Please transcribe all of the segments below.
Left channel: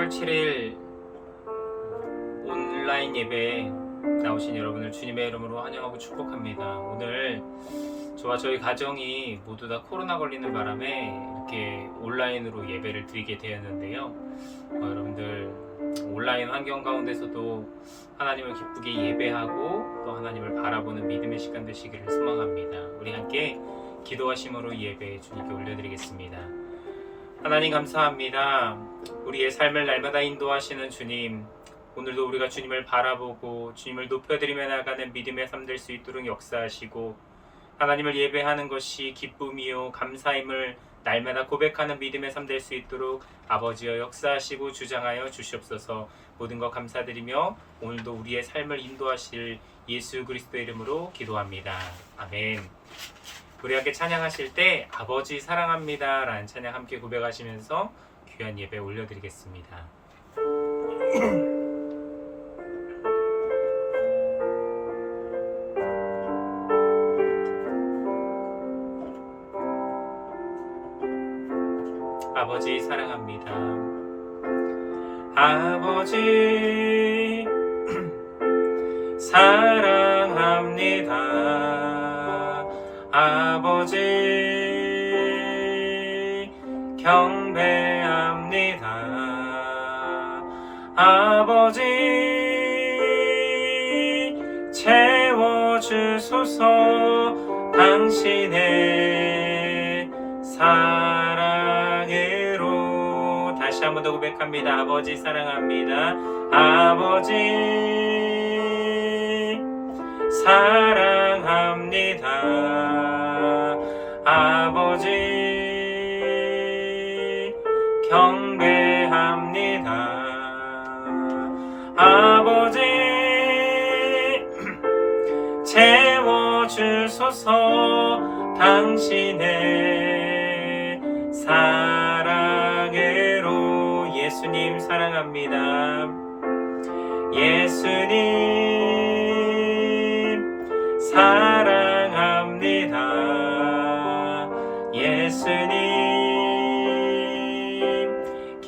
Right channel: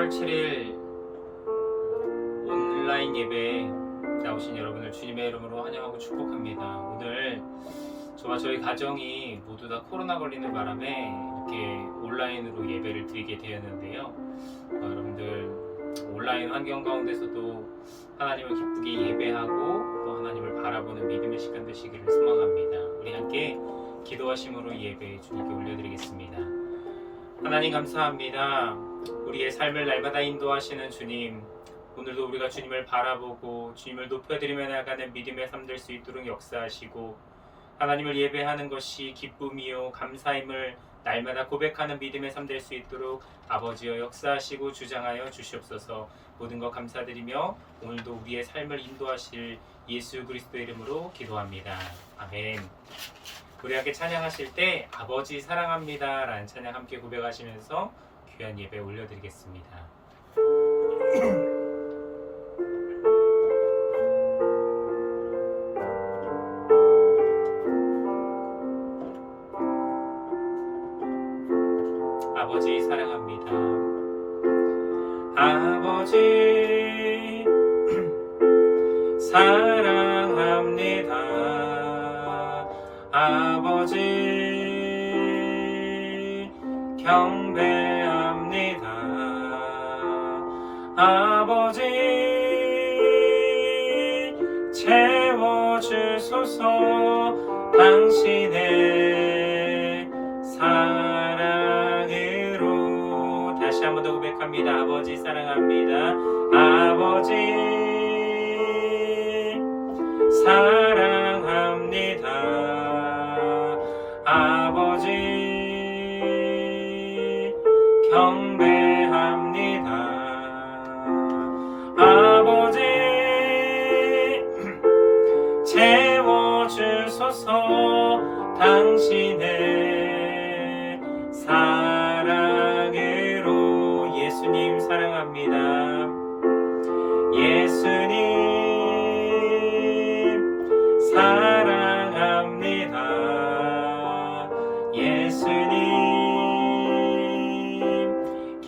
8월 7일 온라인 예배에 나오신 여러분을 주님의 이름으로 환영하고 축복합니다. 오늘 저와 저희 가정이 모두 다 코로나 걸리는 바람에 이렇게 온라인으로 예배를 드리게 되었는데요. 여러분들 온라인 환경 가운데서도 하나님을 기쁘게 예배하고 또 하나님을 바라보는 믿음의 시간 되시기를 소망합니다. 우리 함께 기도하심으로 예배 주님께 올려드리겠습니다. 하나님 감사합니다. 우리의 삶을 날마다 인도하시는 주님, 오늘도 우리가 주님을 바라보고 주님을 높여드리며 나가는 믿음의 삶 될 수 있도록 역사하시고 하나님을 예배하는 것이 기쁨이요 감사임을 날마다 고백하는 믿음의 삶 될 수 있도록 아버지여 역사하시고 주장하여 주시옵소서. 모든 것 감사드리며 오늘도 우리의 삶을 인도하실 예수 그리스도의 이름으로 기도합니다. 아멘. 우리 함께 찬양하실 때 아버지 사랑합니다 라는 찬양 함께 고백하시면서 귀한 예배 올려드리겠습니다. 아버지 사랑합니다. 아버지 사랑합니다. 아버지 경배합니다. 아버지 채워주소서. 당신의 사랑으로. 다시 한 번 더 고백합니다. 아버지 사랑합니다. 아버지 사랑합니다. 아버지 경배합니다. 아버지 채워주소서. 당신의 사랑으로. 예수님 사랑합니다. 예수님 사랑합니다. 예수님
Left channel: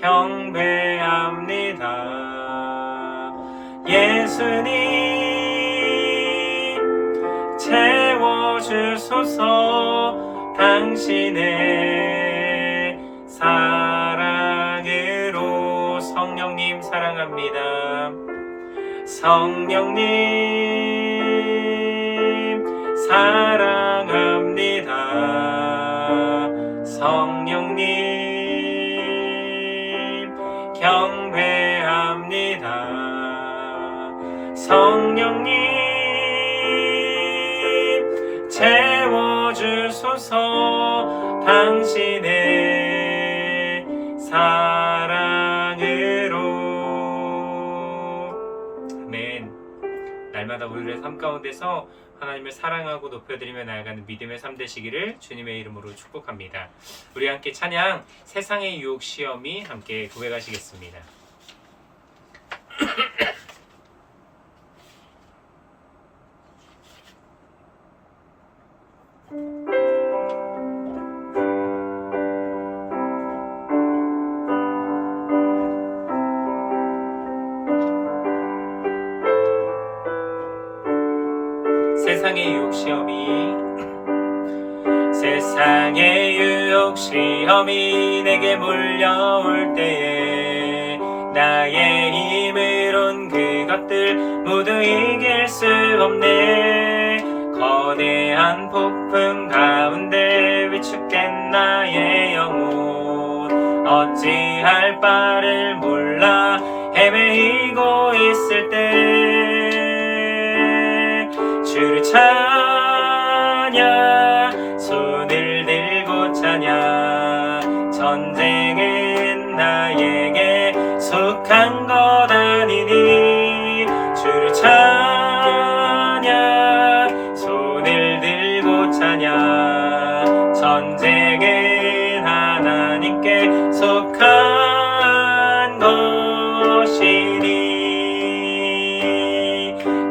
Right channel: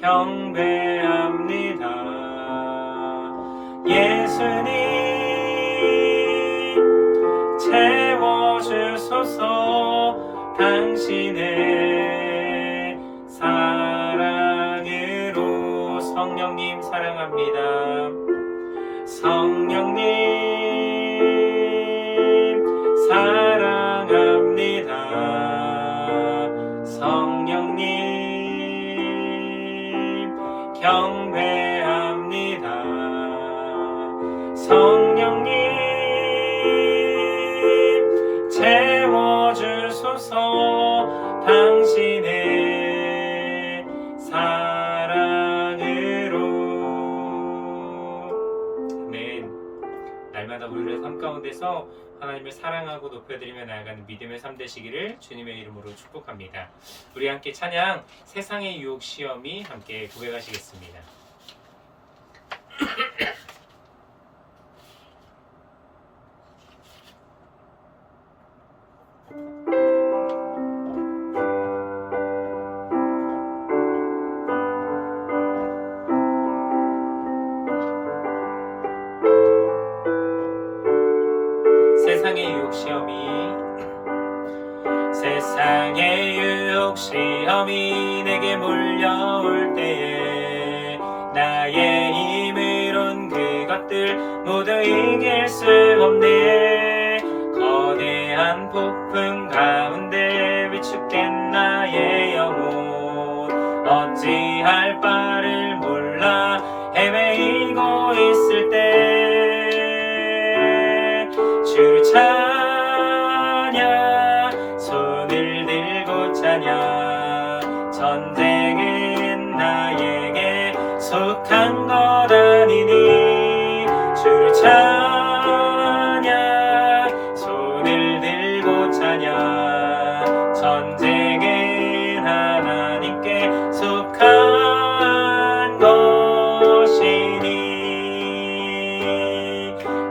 경배합니다. 예수님 채워주소서. 당신의 사랑으로. 성령님 사랑합니다. 성령님 사랑합니다. 성령님 경배합니다. 성령님 채워주소서. 당신의 사랑으로. 아멘. 날마다 우리의 삶 가운데서 하나님을 사랑하고 높여드리며 나아가는 믿음의 삶 되시기를 주님의 이름으로 축복합니다. 우리 함께 찬양 세상의 유혹 시험이 함께 고백하시겠습니다. 세상의 유혹 시험이. 세상의 유혹 시험이 내게 몰려올 때에 나의 힘으론 그것들 모두 이길 수 없네. 거대한 폭풍 가운데 위축된 나의 영혼 어찌할 바를 몰라 헤매이고 있을 때 주를 찬양. 손을 들고 찬양. 전쟁은 나에게 속한 것 아니니. 주를 찬양. 손을 들고 찬양. 전쟁은 하나님께 속한 것이니.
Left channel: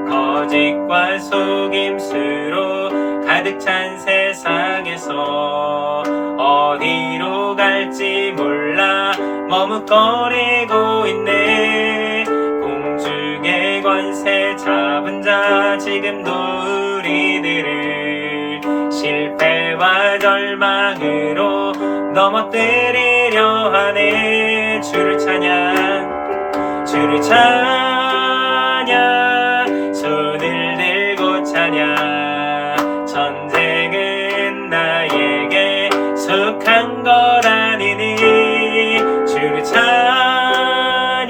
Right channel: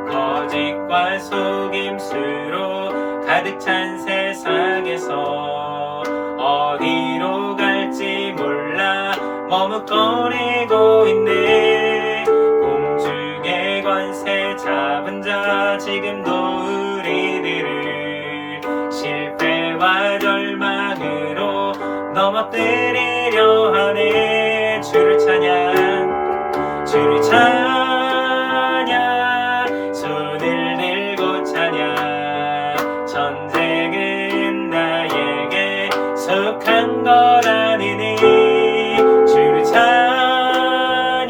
거짓과 속임수로 갈 가득 찬 세상에서 어디로 갈지 몰라 머뭇거리고 있네. 공중의 권세 잡은 자 지금도 우리들을 실패와 절망으로 넘어뜨리려 하네. 주를 찬양, 주를 찬양, 손을 들고 찬양. 전쟁은 나에게 속한 것 아니니. 주를 찬양,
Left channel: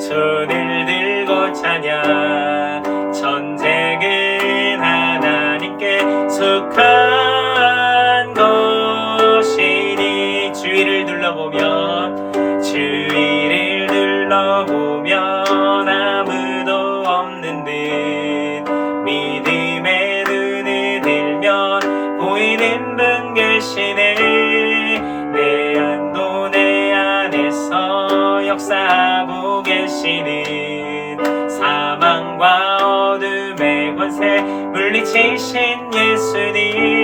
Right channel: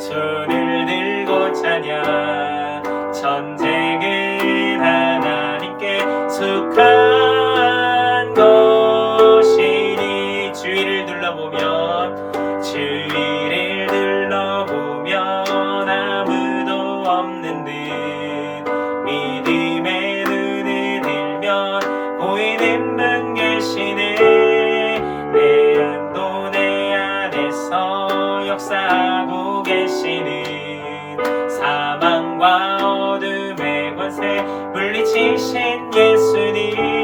손을 들고 찬양. 전쟁은 하나님께 속한 것이니. 주위를 둘러보면, 주위를 둘러보면 아무도 없는 듯 믿음의 눈을 들면 보이는 분 계시네. 내 안도 내 안에서 역사하고 계시는 사망과 어둠의 권세 물리치신 예수님.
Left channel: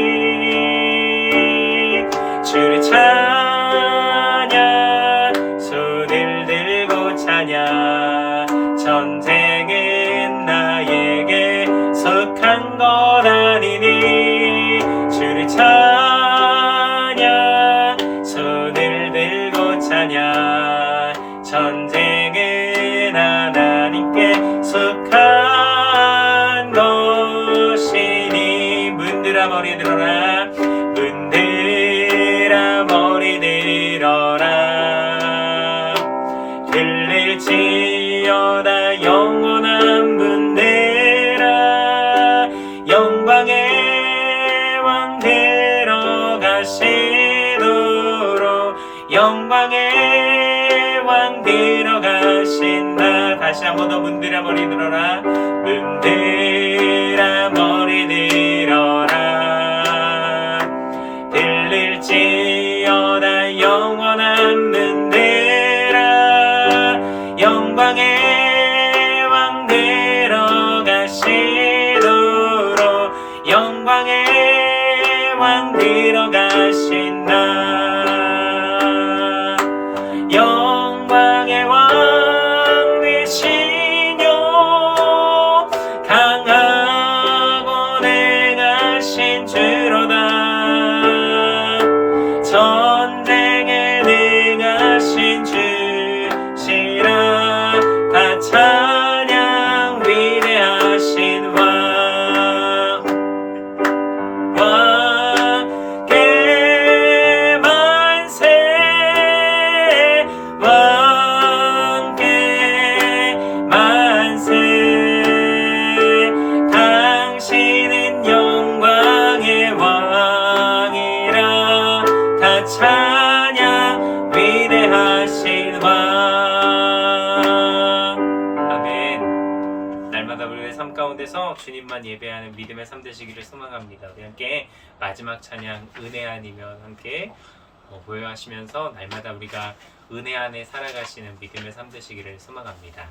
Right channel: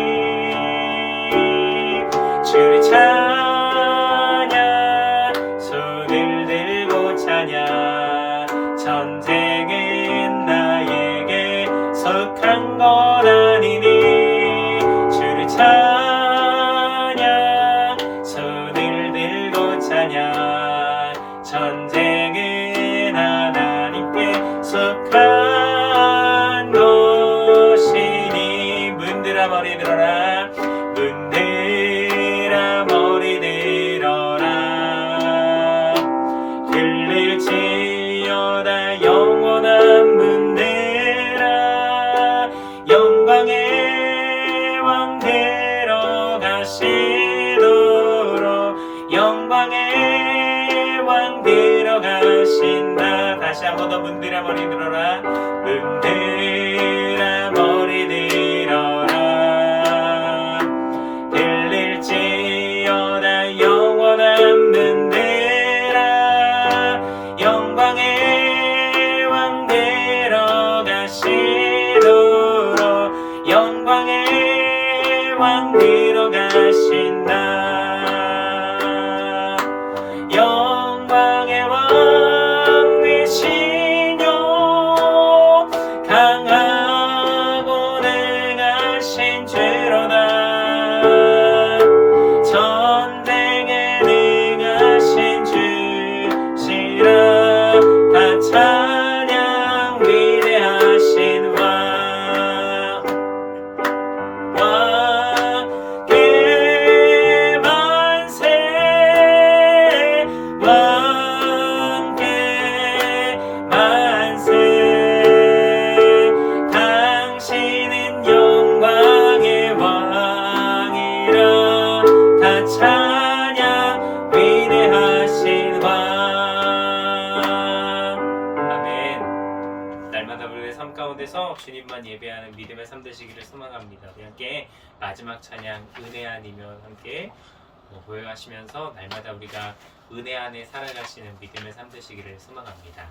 주를 찬양, 손을 들고 찬양. 전쟁은 나에게 속한 것 아니니. 주를 찬양, 손을 들고 찬양. 전쟁은 하나님께 속한 것이니. 문들아 머리 들어라, 문들아 머리 들어라. 들릴지어다 영원한 문들아. 영광의 왕 들어가시도록, 영광의 왕 들어가신다. 다시 한 번 더 문들아 머리 들어라, 문들아 머리 들어라. 들릴지어다 영원한 문들아. 영광의 왕 들어가시도록, 영광의 왕 들어가신다. 영광의 왕 되시뇨. 강하고 능하신 주로다. 전쟁에 능하신 주시라. 다 찬양 위대하신 왕. 왕께 만세, 왕께 만세. 당신은 영광의 왕이라. 다 찬양 위대하신 왕. 아멘. 날마다 우리의 삶 가운데서 주님만 예배하는 믿음의 삶 되시기를 소망합니다. 우리 함께 마지막 찬양 은혜 아니면 함께 고요하시면서 날마다 우리가 은혜 안에 살아가시는 믿음의 삶 되시기를 소망합니다.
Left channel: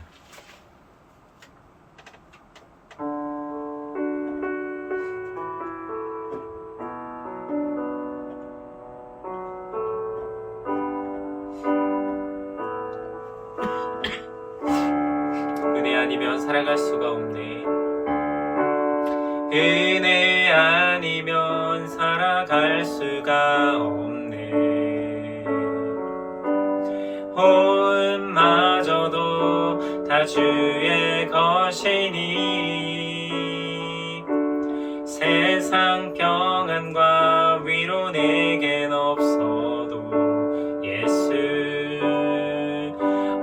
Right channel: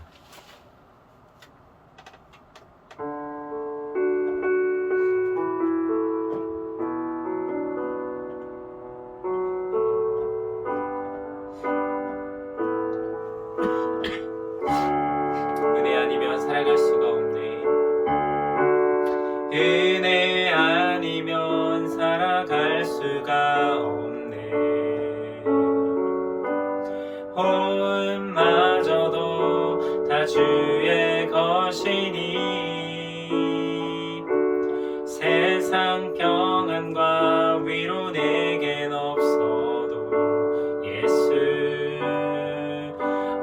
은혜 아니면 살아갈 수가 없네. 은혜 아니면 살아갈 수가 없네. 호흡마저도 다 주의 것이니. 세상 평안과 위로 내겐 없어도 예수,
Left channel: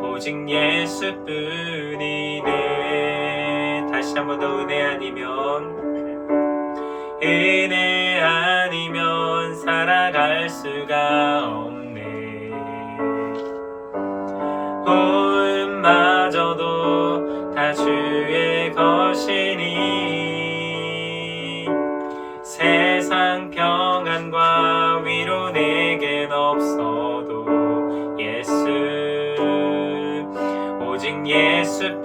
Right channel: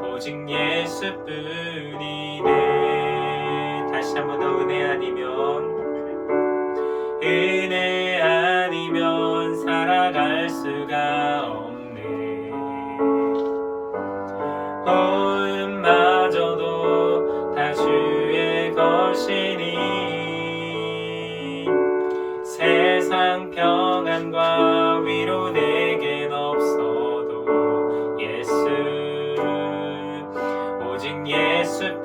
오직 예수뿐이네. 다시 한 번 더 은혜 아니면, 은혜 아니면 살아갈 수가 없네. 호흡마저도 다 주의 것이니. 세상 평안과 위로 내겐 없어도 예수, 오직 예수뿐이네.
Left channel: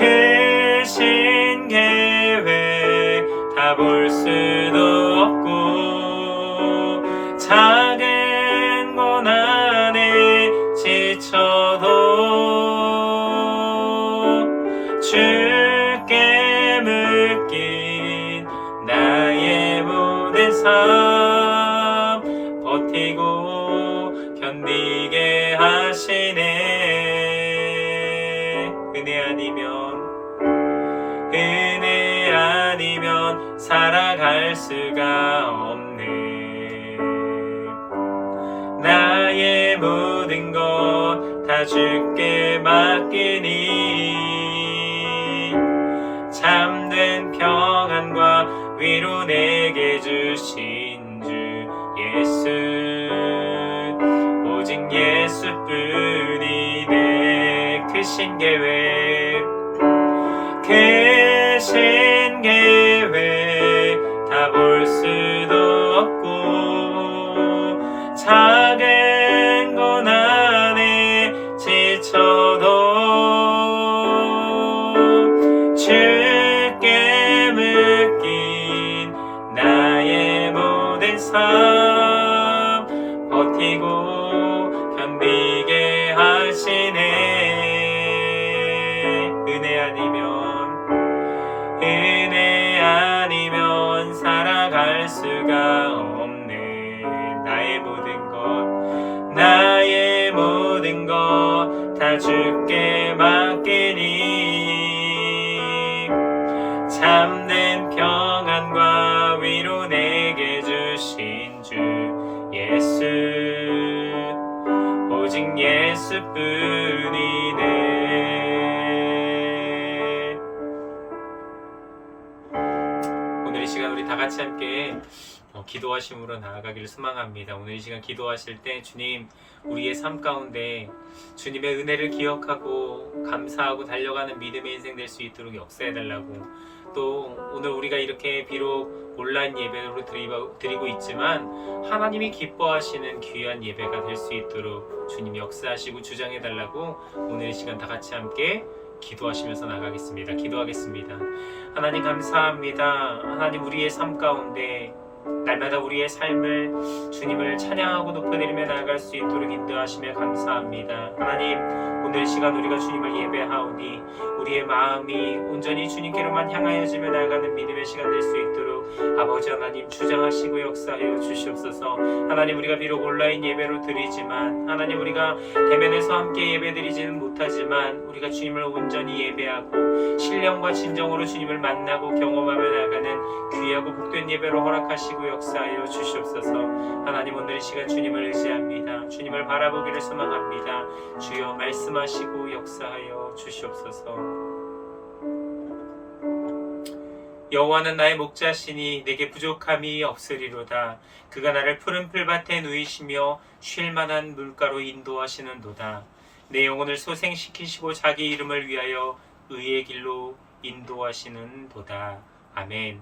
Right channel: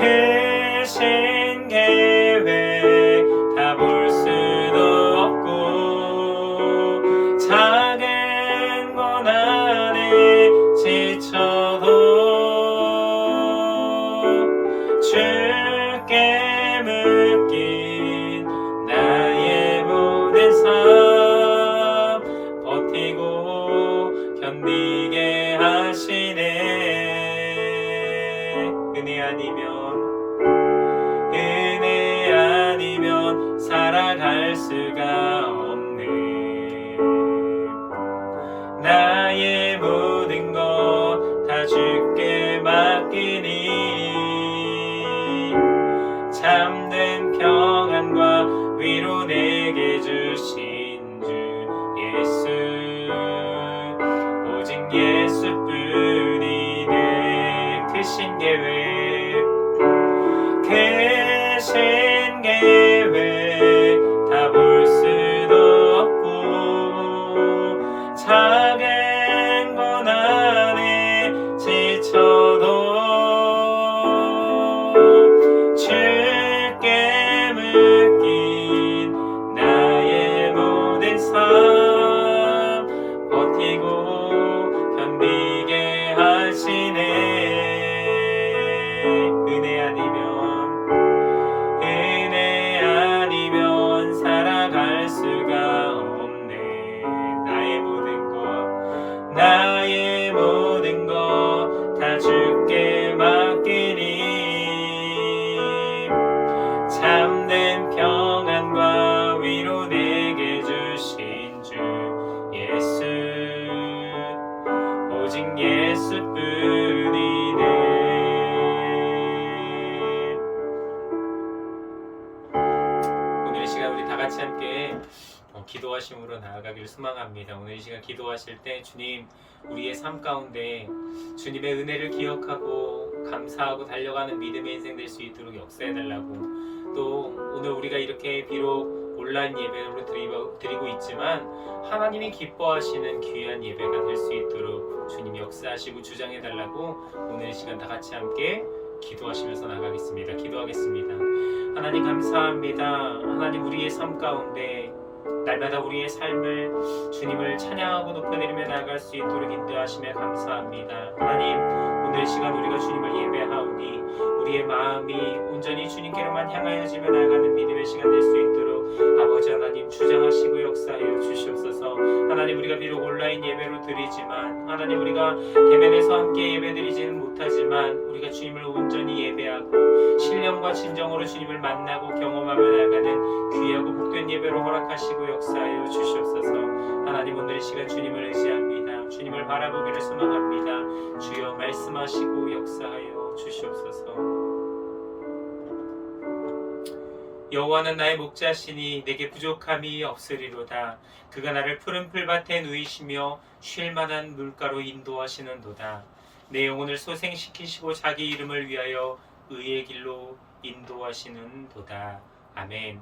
크신 계획 다 볼 수도 없고 작은 고난에 지쳐도 주께 묶인 나의 모든 삶 버티고 견디게 하시네. 은혜 아니면 살아갈 수가 없네. 나의 모든 것 다 주께 맡기니 참된 평안과 위로 내게 주신 주 예수 오직 예수뿐이네. 크신 계획 다 볼 수도 없고 작은 고난에 지쳐도 주께 묶인 나의 모든 삶 버티고 견디게 하시네. 은혜 아니면 살아갈 수가 없네. 나의 모든 것 다 주께 맡기니 참된 평안과 위로 내게 주신 주 예수 오직 예수뿐이네. 오늘 이 시간 우리 다 같이 함께 기도하심으로 나아가기를 소망합니다. 오늘 이 시간 기도하실 때 주님 우리의 삶 가운데 주님의 은혜를 기억하고 감사하고 달려가는 믿음의 인생 될 수 있도록 역사해달라고, 또 오늘 우리가 이렇게 비록 온라인 예배로 드리고 있지만 하나님이 기뻐하시는 귀한 예배가 될 수 있도록 주님 역사하시고 주장해달라고 오늘 이 시간 다 같이 함께 기도하시면서 나가겠습니다. 기도하겠습니다. 하나님 감사합니다. 하나님 우리의 삶 가운데 날마다 우리의 삶을 주님을 찬양하고 높여드리며 나아갈 수 있도록 인도하시며 감사합니다. 하나님 오늘 시간 우리가 주님을 예배하오니 우리의 마음이 온전히 주님께로만 향하여지며 나아가는 믿음의 시간 될 수 있도록 아버지 하나님 주장하시고 역사하여 주시옵소서. 하나님 우리가 비록 온라인 예배로 드리지만 하나님 우리가 대면에서 함께 예배드리지는 못하지만 우리가 주님을 온전히 예배하고 신령과 진정으로 주님을 만나고 경험하며 나아가는 귀하고 복된 예배로 허락하시고 역사하여 주시옵소서. 하나님 오늘 이 시간 주님을 의지합니다. 주님을 바라보기를 소망합니다. 주여 말씀하시고 역사하여 주시옵소서. 여호와는 나의 목자시니 내게 부족함이 없으리로다. 그가 나를 푸른 풀밭에 누이시며 쉴만한 물가로 인도하시는도다. 내 영혼을 소생시키시고 자기 이름을 위하여 의의 길로 인도하시는도다. 아멘.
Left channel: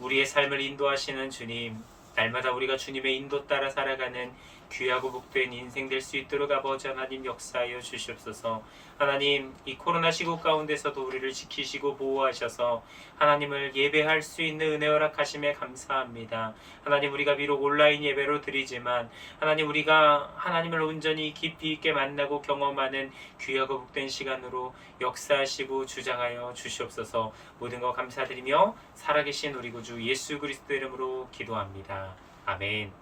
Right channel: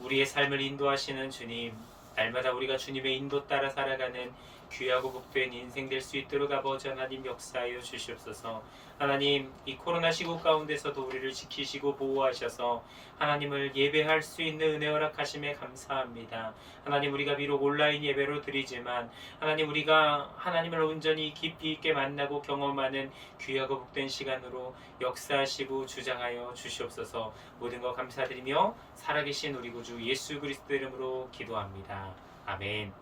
우리의 삶을 인도하시는 주님, 날마다 우리가 주님의 인도 따라 살아가는 귀하고 복된 인생 될 수 있도록 아버지 하나님 역사하여 주시옵소서. 하나님 이 코로나 시국 가운데서도 우리를 지키시고 보호하셔서 하나님을 예배할 수 있는 은혜 허락하심에 감사합니다. 하나님 우리가 비록 온라인 예배로 드리지만 하나님 우리가 하나님을 온전히 깊이 있게 만나고 경험하는 귀하고 복된 시간으로 역사하시고 주장하여 주시옵소서. 모든 것 감사드리며 살아계신 우리 구주 예수 그리스도 이름으로 기도합니다. 아멘.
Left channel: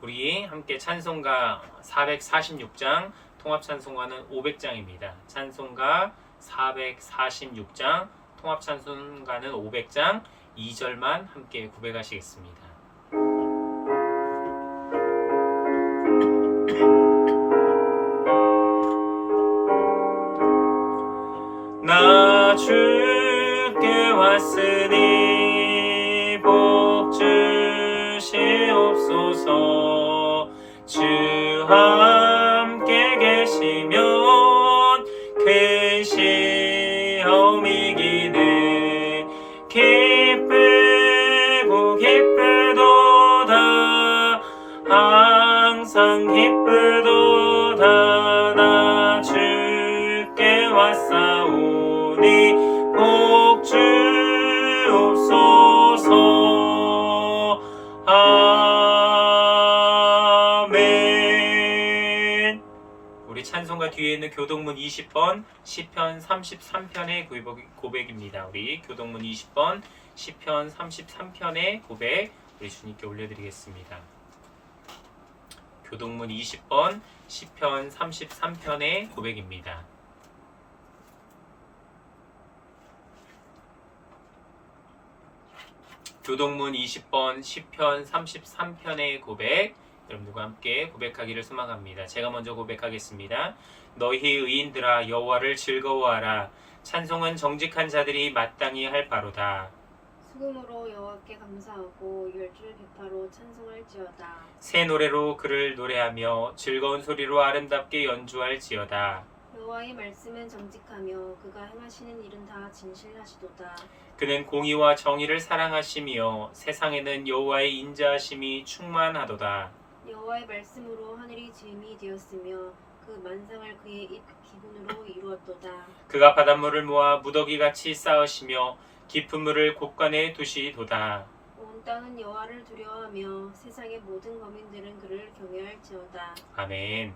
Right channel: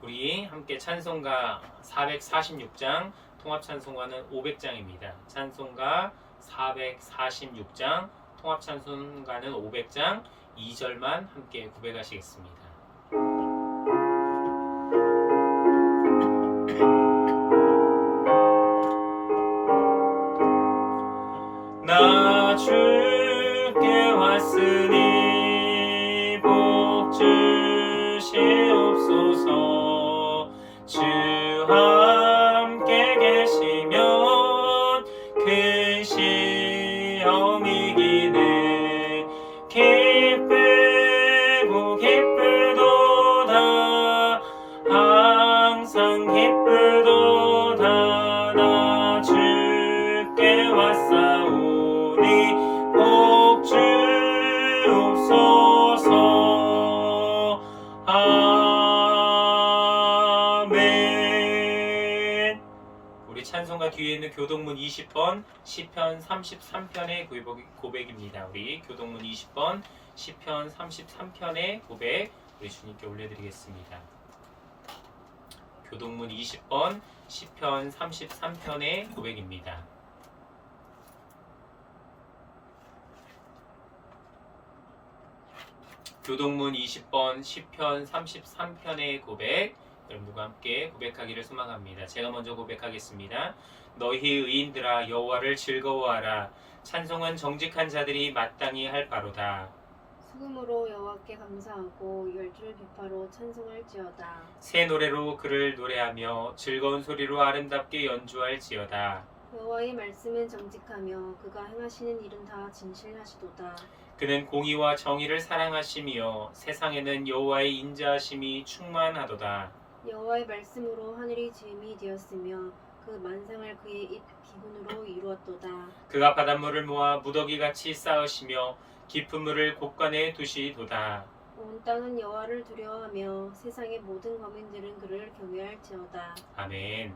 우리 함께 찬송가 446장, 통합찬송가는 500장입니다. 찬송가 446장, 통합찬송가는 500장 2절만 함께 구백하시겠습니다. 나 주께 왔으니 복 주시옵소서. 주 함께 계시면 큰 시험이 기네. 기쁘고 기쁘도다. 항상 기쁘도다. 나 주께 왔사오니 복 주옵소서. 아멘. 우리 찬송가 뒤에 있는 교동문 20번 시편 33편의 고백입니다. 우리 교동문 20번 시편 33편의 고백 우리 주님께 올려드리겠습니다. 교동문 20번 시편 33편의 고백입니다. 교동문 20번 시편 33편의 고백 여러분들과 함께 고백하기를 소망합니다. 제가 먼저 고백하겠습니다. 너희 의인들아 여호와를 즐거워하라. 찬송은 정직한 자들이 마땅히 할 바로다. 수금으로 여호와께 감사하고 열줄 비파로 찬송할지어다. 새 노래로 그를 노래하며 즐거운 소리로 아름답게 연주할지어다. 여호와의 말씀은 정직하며 그가 행하시는 일은 다 진실하시도다. 그는 공의와 정의를 사랑하시며 세상에는 여호와의 인자하심이 충만하도다. 여호와의 말씀으로 하늘이 지음이 되었으며 그 만상을 그의 입 기분으로 이루었도다. 그가 바닷물을 모아 무더기같이 쌓으시며 깊은 물을 곳간에 두시도다. 온 땅은 여호와를 두려워하며 세상의 모든 거민들은 그를 경외할지어다. 아멘.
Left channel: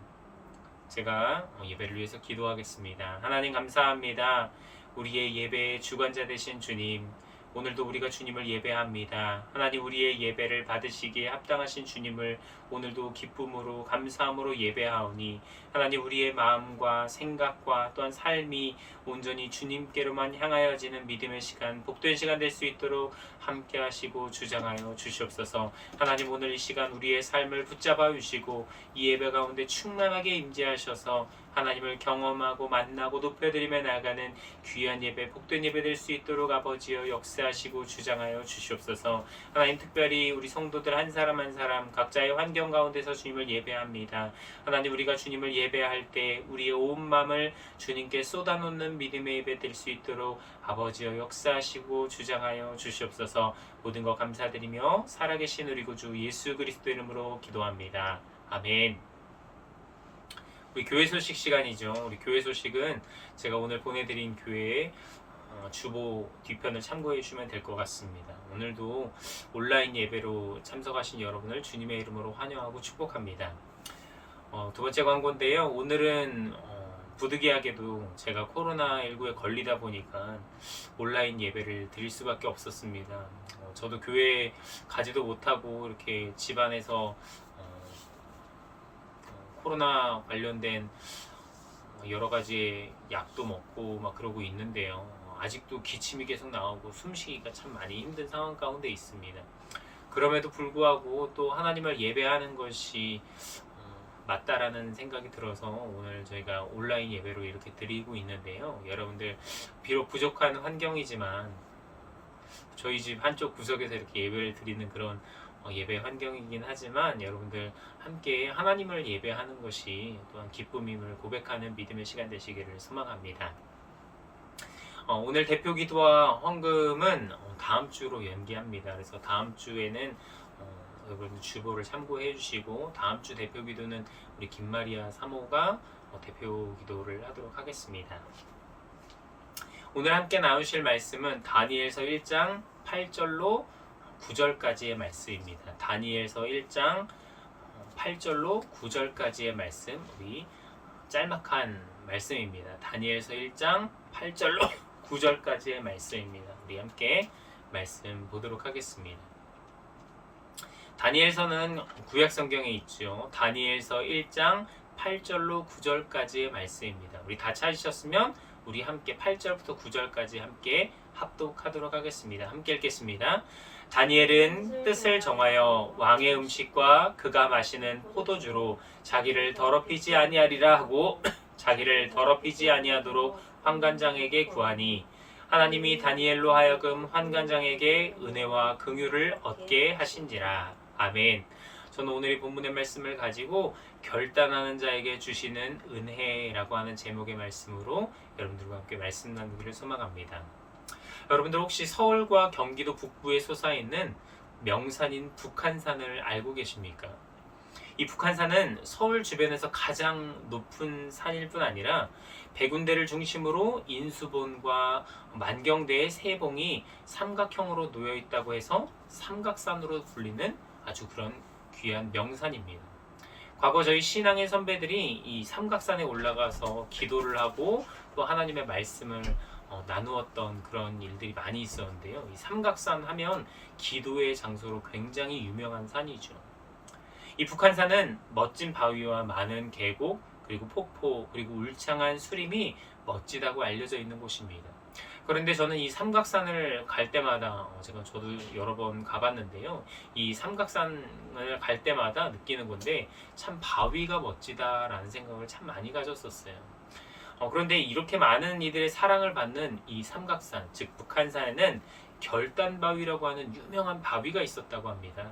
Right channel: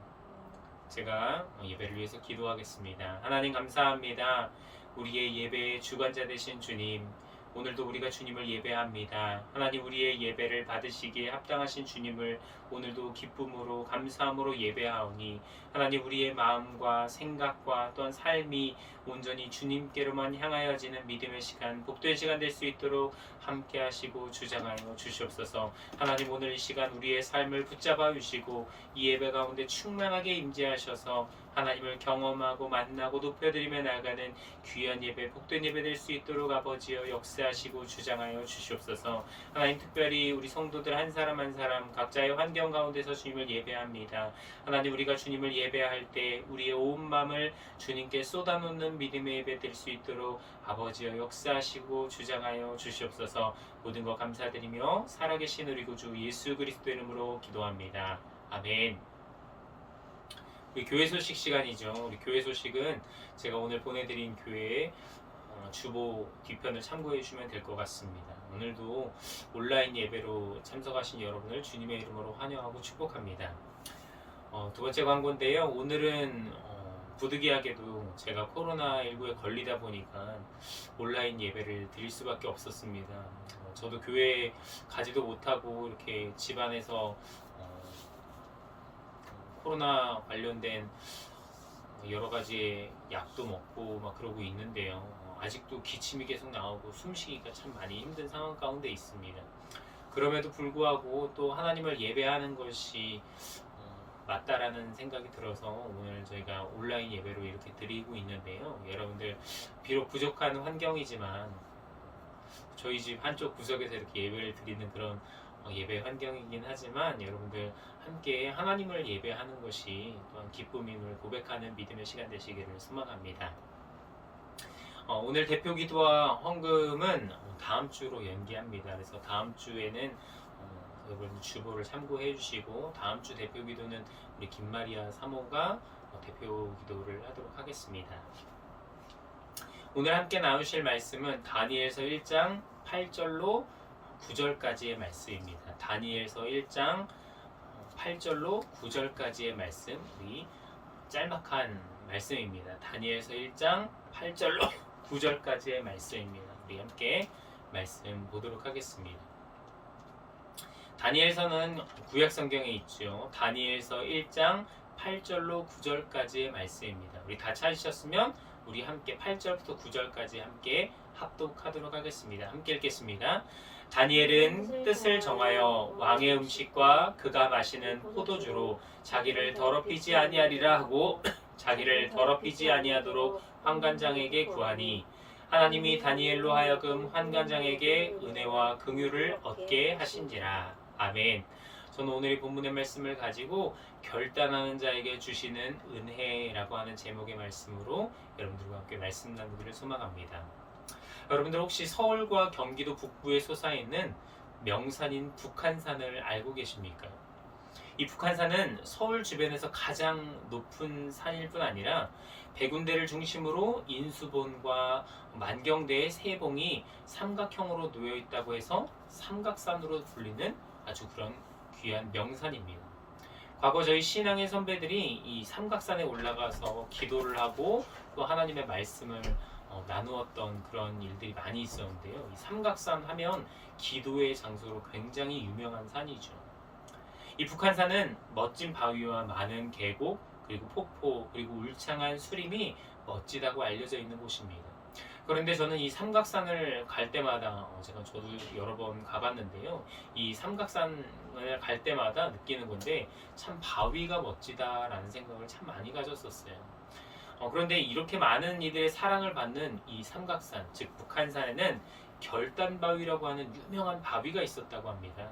제가 예배를 위해서 기도하겠습니다. 하나님 감사합니다. 우리의 예배의 주관자 되신 주님, 오늘도 우리가 주님을 예배합니다. 하나님 우리의 예배를 받으시기에 합당하신 주님을 오늘도 기쁨으로 감사함으로 예배하오니 하나님 우리의 마음과 생각과 또한 삶이 온전히 주님께로만 향하여지는 믿음의 시간, 복된 시간 될 수 있도록 함께 하시고 주장하여 주시옵소서. 하나님 오늘 이 시간 우리의 삶을 붙잡아 주시고 이 예배 가운데 충만하게 임재하셔서 하나님을 경험하고 만나고 높여드리며 나아가는 귀한 예배, 복된 예배 될 수 있도록 아버지여 역사하시고 주장하여 주시옵소서. 하나님 특별히 우리 성도들 한 사람 한 사람 각자의 환경 가운데서 주님을 예배합니다. 하나님 우리가 주님을 예배할 때 우리의 온 마음을 주님께 쏟아놓는 믿음의 예배 될 수 있도록 아버지여 역사하시고 주장하여 주시옵소서. 모든 것 감사드리며 살아계신 우리 구주 예수 그리스도 이름으로 기도합니다. 아멘. 우리 교회 소식 시간이죠. 우리 교회 소식은 제가 오늘 보내드린 교회의 주보 뒤편을 참고해 주시면 될 것 같습니다. 오늘도 온라인 예배로 참석하신 여러분을 주님의 이름으로 환영하고 축복합니다. 두 번째 광고인데요. 오늘은 부득이하게도 제가 코로나19에 걸리다 보니까 온라인 예배를 드릴 수밖에 없었습니다. 저도 교회에 가지도 못하고 이렇게 집안에서 코로나 관련된 여러 가지의 약도 먹고 막 그러고 있는데요. 아직도 기침이 계속 나오고 숨쉬기가 참 많이 힘든 상황 가운데 있습니다. 그럼에도 불구하고 또 하나님을 예배하는 것이 맞다라는 생각이 들어서 오늘 저희가 온라인 예배로 이렇게 드리고 있는데요. 여러분들 비록 부족한 환경이지만 저희 집 한쪽 구석에서 이렇게 예배를 드리는 그런 예배 환경이긴 하지만 여러분들 함께 하나님을 예배하는 것이 또한 기쁨임을 고백하는 믿음의 시간 되시기를 소망합니다. 오늘 대표 기도와 헌금은 다음 주로 연기합니다. 그래서 다음 주에는 여러분 주보를 참고해 주시고 다음 주 대표 기도는 우리 김마리아 사모가 대표 기도를 하도록 하겠습니다. 오늘 함께 나누실 말씀은 다니엘서 1장 8절로 9절까지의 말씀입니다. 다니엘서 1장 8절로 9절까지의 말씀, 우리 짤막한 말씀입니다. 다니엘서 1장 8절로 9절까지의 말씀입니다. 우리 함께 말씀 보도록 하겠습니다. 다니엘서는 구약 성경에 있죠. 다니엘서 1장 8절로 9절까지의 말씀입니다. 우리 다 찾으셨으면 우리 함께 8절부터 9절까지 함께 합독하도록 하겠습니다. 함께 읽겠습니다. 다니엘은 뜻을 정하여 왕의 음식과 그가 마시는 포도주로 자기를 더럽히지 아니하리라 하고 자기를 더럽히지 아니하도록 환관장에게 구하니 하나님이 다니엘로 하여금 환관장에게 은혜와 긍휼을 얻게 하신지라. 아멘. 저는 오늘 이 본문의 말씀을 가지고 결단하는 자에게 주시는 은혜라고 하는 제목의 말씀으로 여러분들과 함께 말씀 나누기를 소망합니다. 여러분들 혹시 서울과 경기도 북부에 솟아있는 명산인 북한산을 알고 계십니까? 이 북한산은 서울 주변에서 가장 높은 산일 뿐 아니라 백운대를 중심으로 인수본과 만경대의 세 봉이 삼각형으로 놓여 있다고 해서 삼각산으로 불리는 아주 그런 귀한 명산입니다. 과거 저희 신앙의 선배들이 이 삼각산에 올라가서 기도를 하고 또 하나님의 말씀을 나누었던 그런 일들이 많이 있었는데요. 이 삼각산 하면 기도의 장소로 굉장히 유명한 산이죠. 이 북한산은 멋진 바위와 많은 계곡, 그리고 폭포, 그리고 울창한 수림이 멋지다고 알려져 있는 곳입니다. 그런데 저는 이 삼각산을 갈 때마다 저도 여러 번 가봤는데요. 이 삼각산을 갈 때마다 느끼는 건데 참 바위가 멋지다라는 생각을 참 많이 가졌었어요. 그런데 이렇게 많은 이들의 사랑을 받는 이 삼각산, 즉 북한산에는 결단바위라고 하는 유명한 바위가 있었다고 합니다.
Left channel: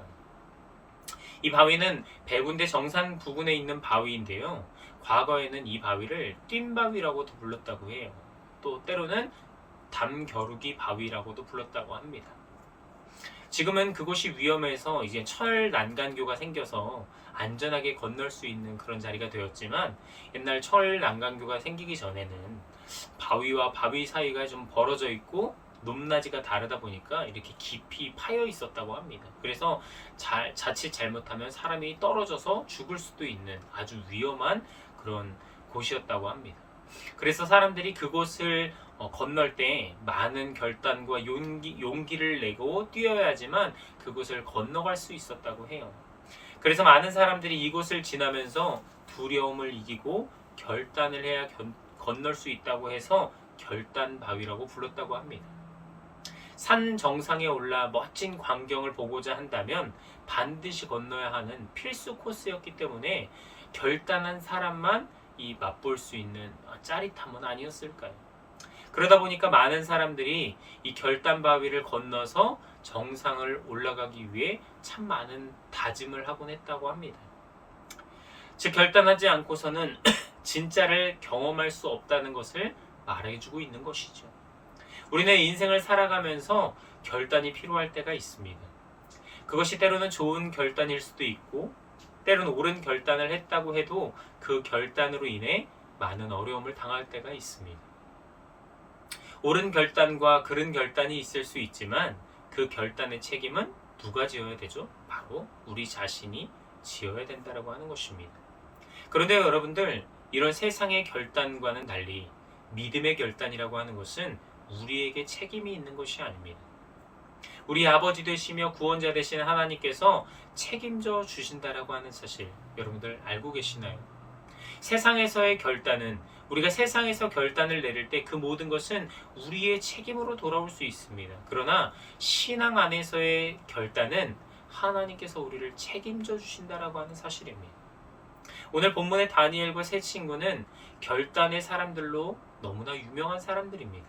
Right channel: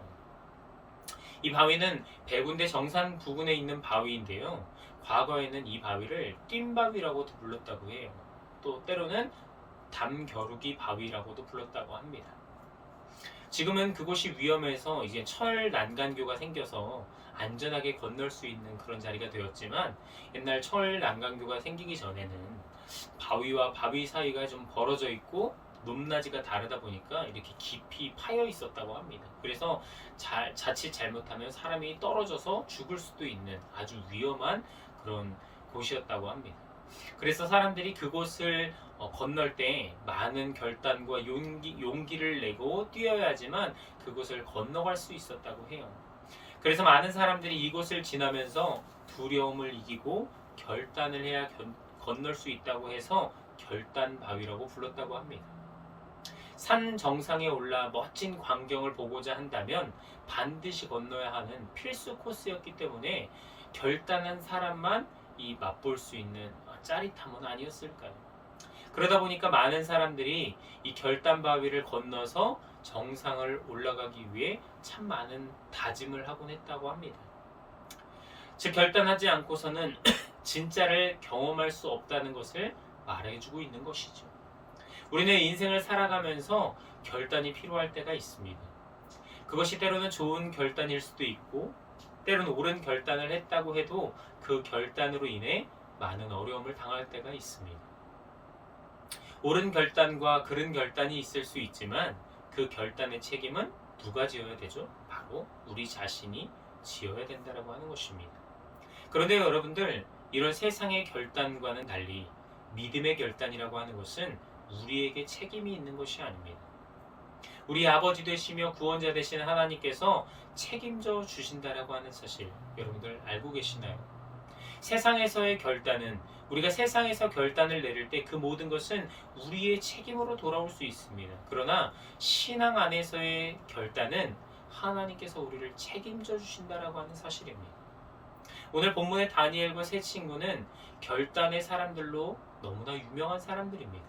이 바위는 백운대 정산 부근에 있는 바위인데요. 과거에는 이 바위를 뜀바위라고도 불렀다고 해요. 또 때로는 담겨루기 바위라고도 불렀다고 합니다. 지금은 그곳이 위험해서 이제 철 난간교가 생겨서 안전하게 건널 수 있는 그런 자리가 되었지만 옛날 철 난간교가 생기기 전에는 바위와 바위 사이가 좀 벌어져 있고 높낮이가 다르다 보니까 이렇게 깊이 파여 있었다고 합니다. 그래서 자칫 잘못하면 사람이 떨어져서 죽을 수도 있는 아주 위험한 그런 곳이었다고 합니다. 그래서 사람들이 그곳을 건널 때 많은 결단과 용기를 내고 뛰어야지만 그곳을 건너갈 수 있었다고 해요. 그래서 많은 사람들이 이곳을 지나면서 두려움을 이기고 결단을 해야 건널 수 있다고 해서 결단바위라고 불렀다고 합니다. 산 정상에 올라 멋진 광경을 보고자 한다면 반드시 건너야 하는 필수 코스였기 때문에 결단한 사람만 이 맛볼 수 있는 짜릿함은 아니었을까요? 그러다 보니까 많은 사람들이 이 결단바위를 건너서 정상을 올라가기 위해 참 많은 다짐을 하곤 했다고 합니다. 즉 결단하지 않고서는 진짜를 경험할 수 없다는 것을 말해주고 있는 것이죠. 우리는 인생을 살아가면서 결단이 필요할 때가 있습니다. 그것이 때로는 좋은 결단일 수도 있고 때로는 옳은 결단을 했다고 해도 그 결단으로 인해 많은 어려움을 당할 때가 있습니다. 옳은 결단과 그른 결단이 있을 수 있지만 그 결단의 책임은 누가 지어야 되죠? 바로 우리 자신이 지어야 된다고 하는 것입니다. 그런데 여러분들, 이런 세상의 결단과는 달리 믿음의 결단이라고 하는 것은 우리에게 책임이 있는 것이 아닙니다. 우리 아버지 되시며 구원자 되신 하나님께서 책임져 주신다라고 하는 사실 여러분들 알고 계시나요? 세상에서의 결단은 우리가 세상에서 결단을 내릴 때 그 모든 것은 우리의 책임으로 돌아올 수 있습니다. 그러나 신앙 안에서의 결단은 하나님께서 우리를 책임져 주신다라고 하는 사실입니다. 오늘 본문의 다니엘과 세 친구는 결단의 사람들로 너무나 유명한 사람들입니다.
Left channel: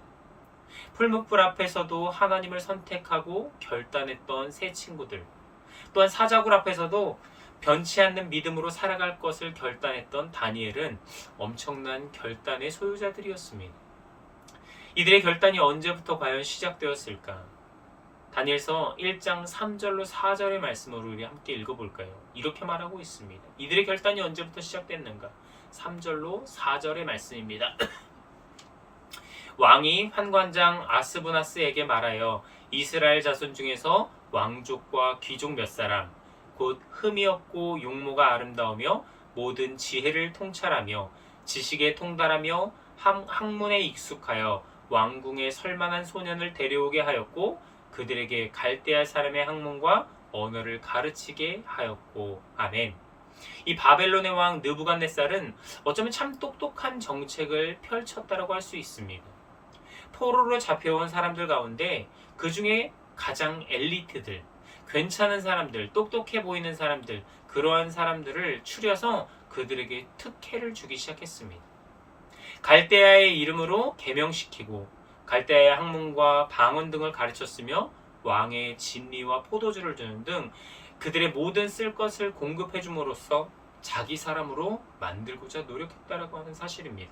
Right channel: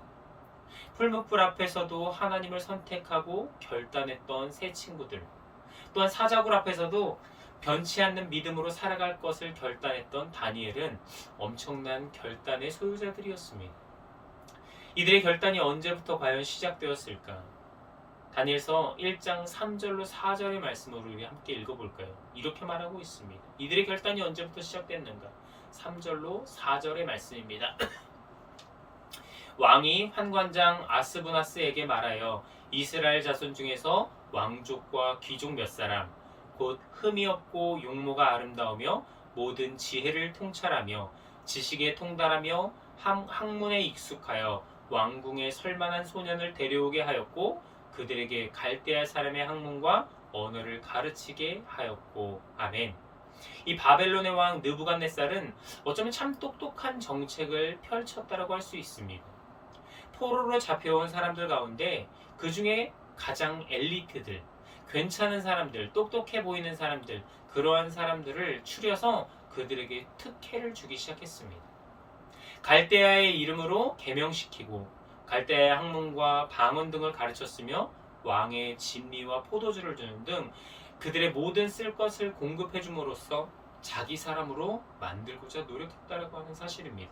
풀무불 앞에서도 하나님을 선택하고 결단했던 세 친구들, 또한 사자굴 앞에서도 변치 않는 믿음으로 살아갈 것을 결단했던 다니엘은 엄청난 결단의 소유자들이었습니다. 이들의 결단이 언제부터 과연 시작되었을까? 다니엘서 1장 3절로 4절의 말씀을 우리 함께 읽어볼까요? 이렇게 말하고 있습니다. 이들의 결단이 언제부터 시작됐는가? 3절로 4절의 말씀입니다. 왕이 환관장 아스부나스에게 말하여 이스라엘 자손 중에서 왕족과 귀족 몇 사람, 곧 흠이 없고 용모가 아름다우며 모든 지혜를 통찰하며 지식에 통달하며 학문에 익숙하여 왕궁에 설만한 소년을 데려오게 하였고 그들에게 갈대아 사람의 학문과 언어를 가르치게 하였고. 아멘. 이 바벨론의 왕 느부갓네살은 어쩌면 참 똑똑한 정책을 펼쳤다라고 할 수 있습니다. 포로로 잡혀온 사람들 가운데 그 중에 가장 엘리트들, 괜찮은 사람들, 똑똑해 보이는 사람들, 그러한 사람들을 추려서 그들에게 특혜를 주기 시작했습니다. 갈대아의 이름으로 개명시키고 갈대아의 학문과 방언 등을 가르쳤으며 왕의 진리와 포도주를 주는 등 그들의 모든 쓸 것을 공급해 줌으로써 자기 사람으로 만들고자 노력했다라고 하는 사실입니다.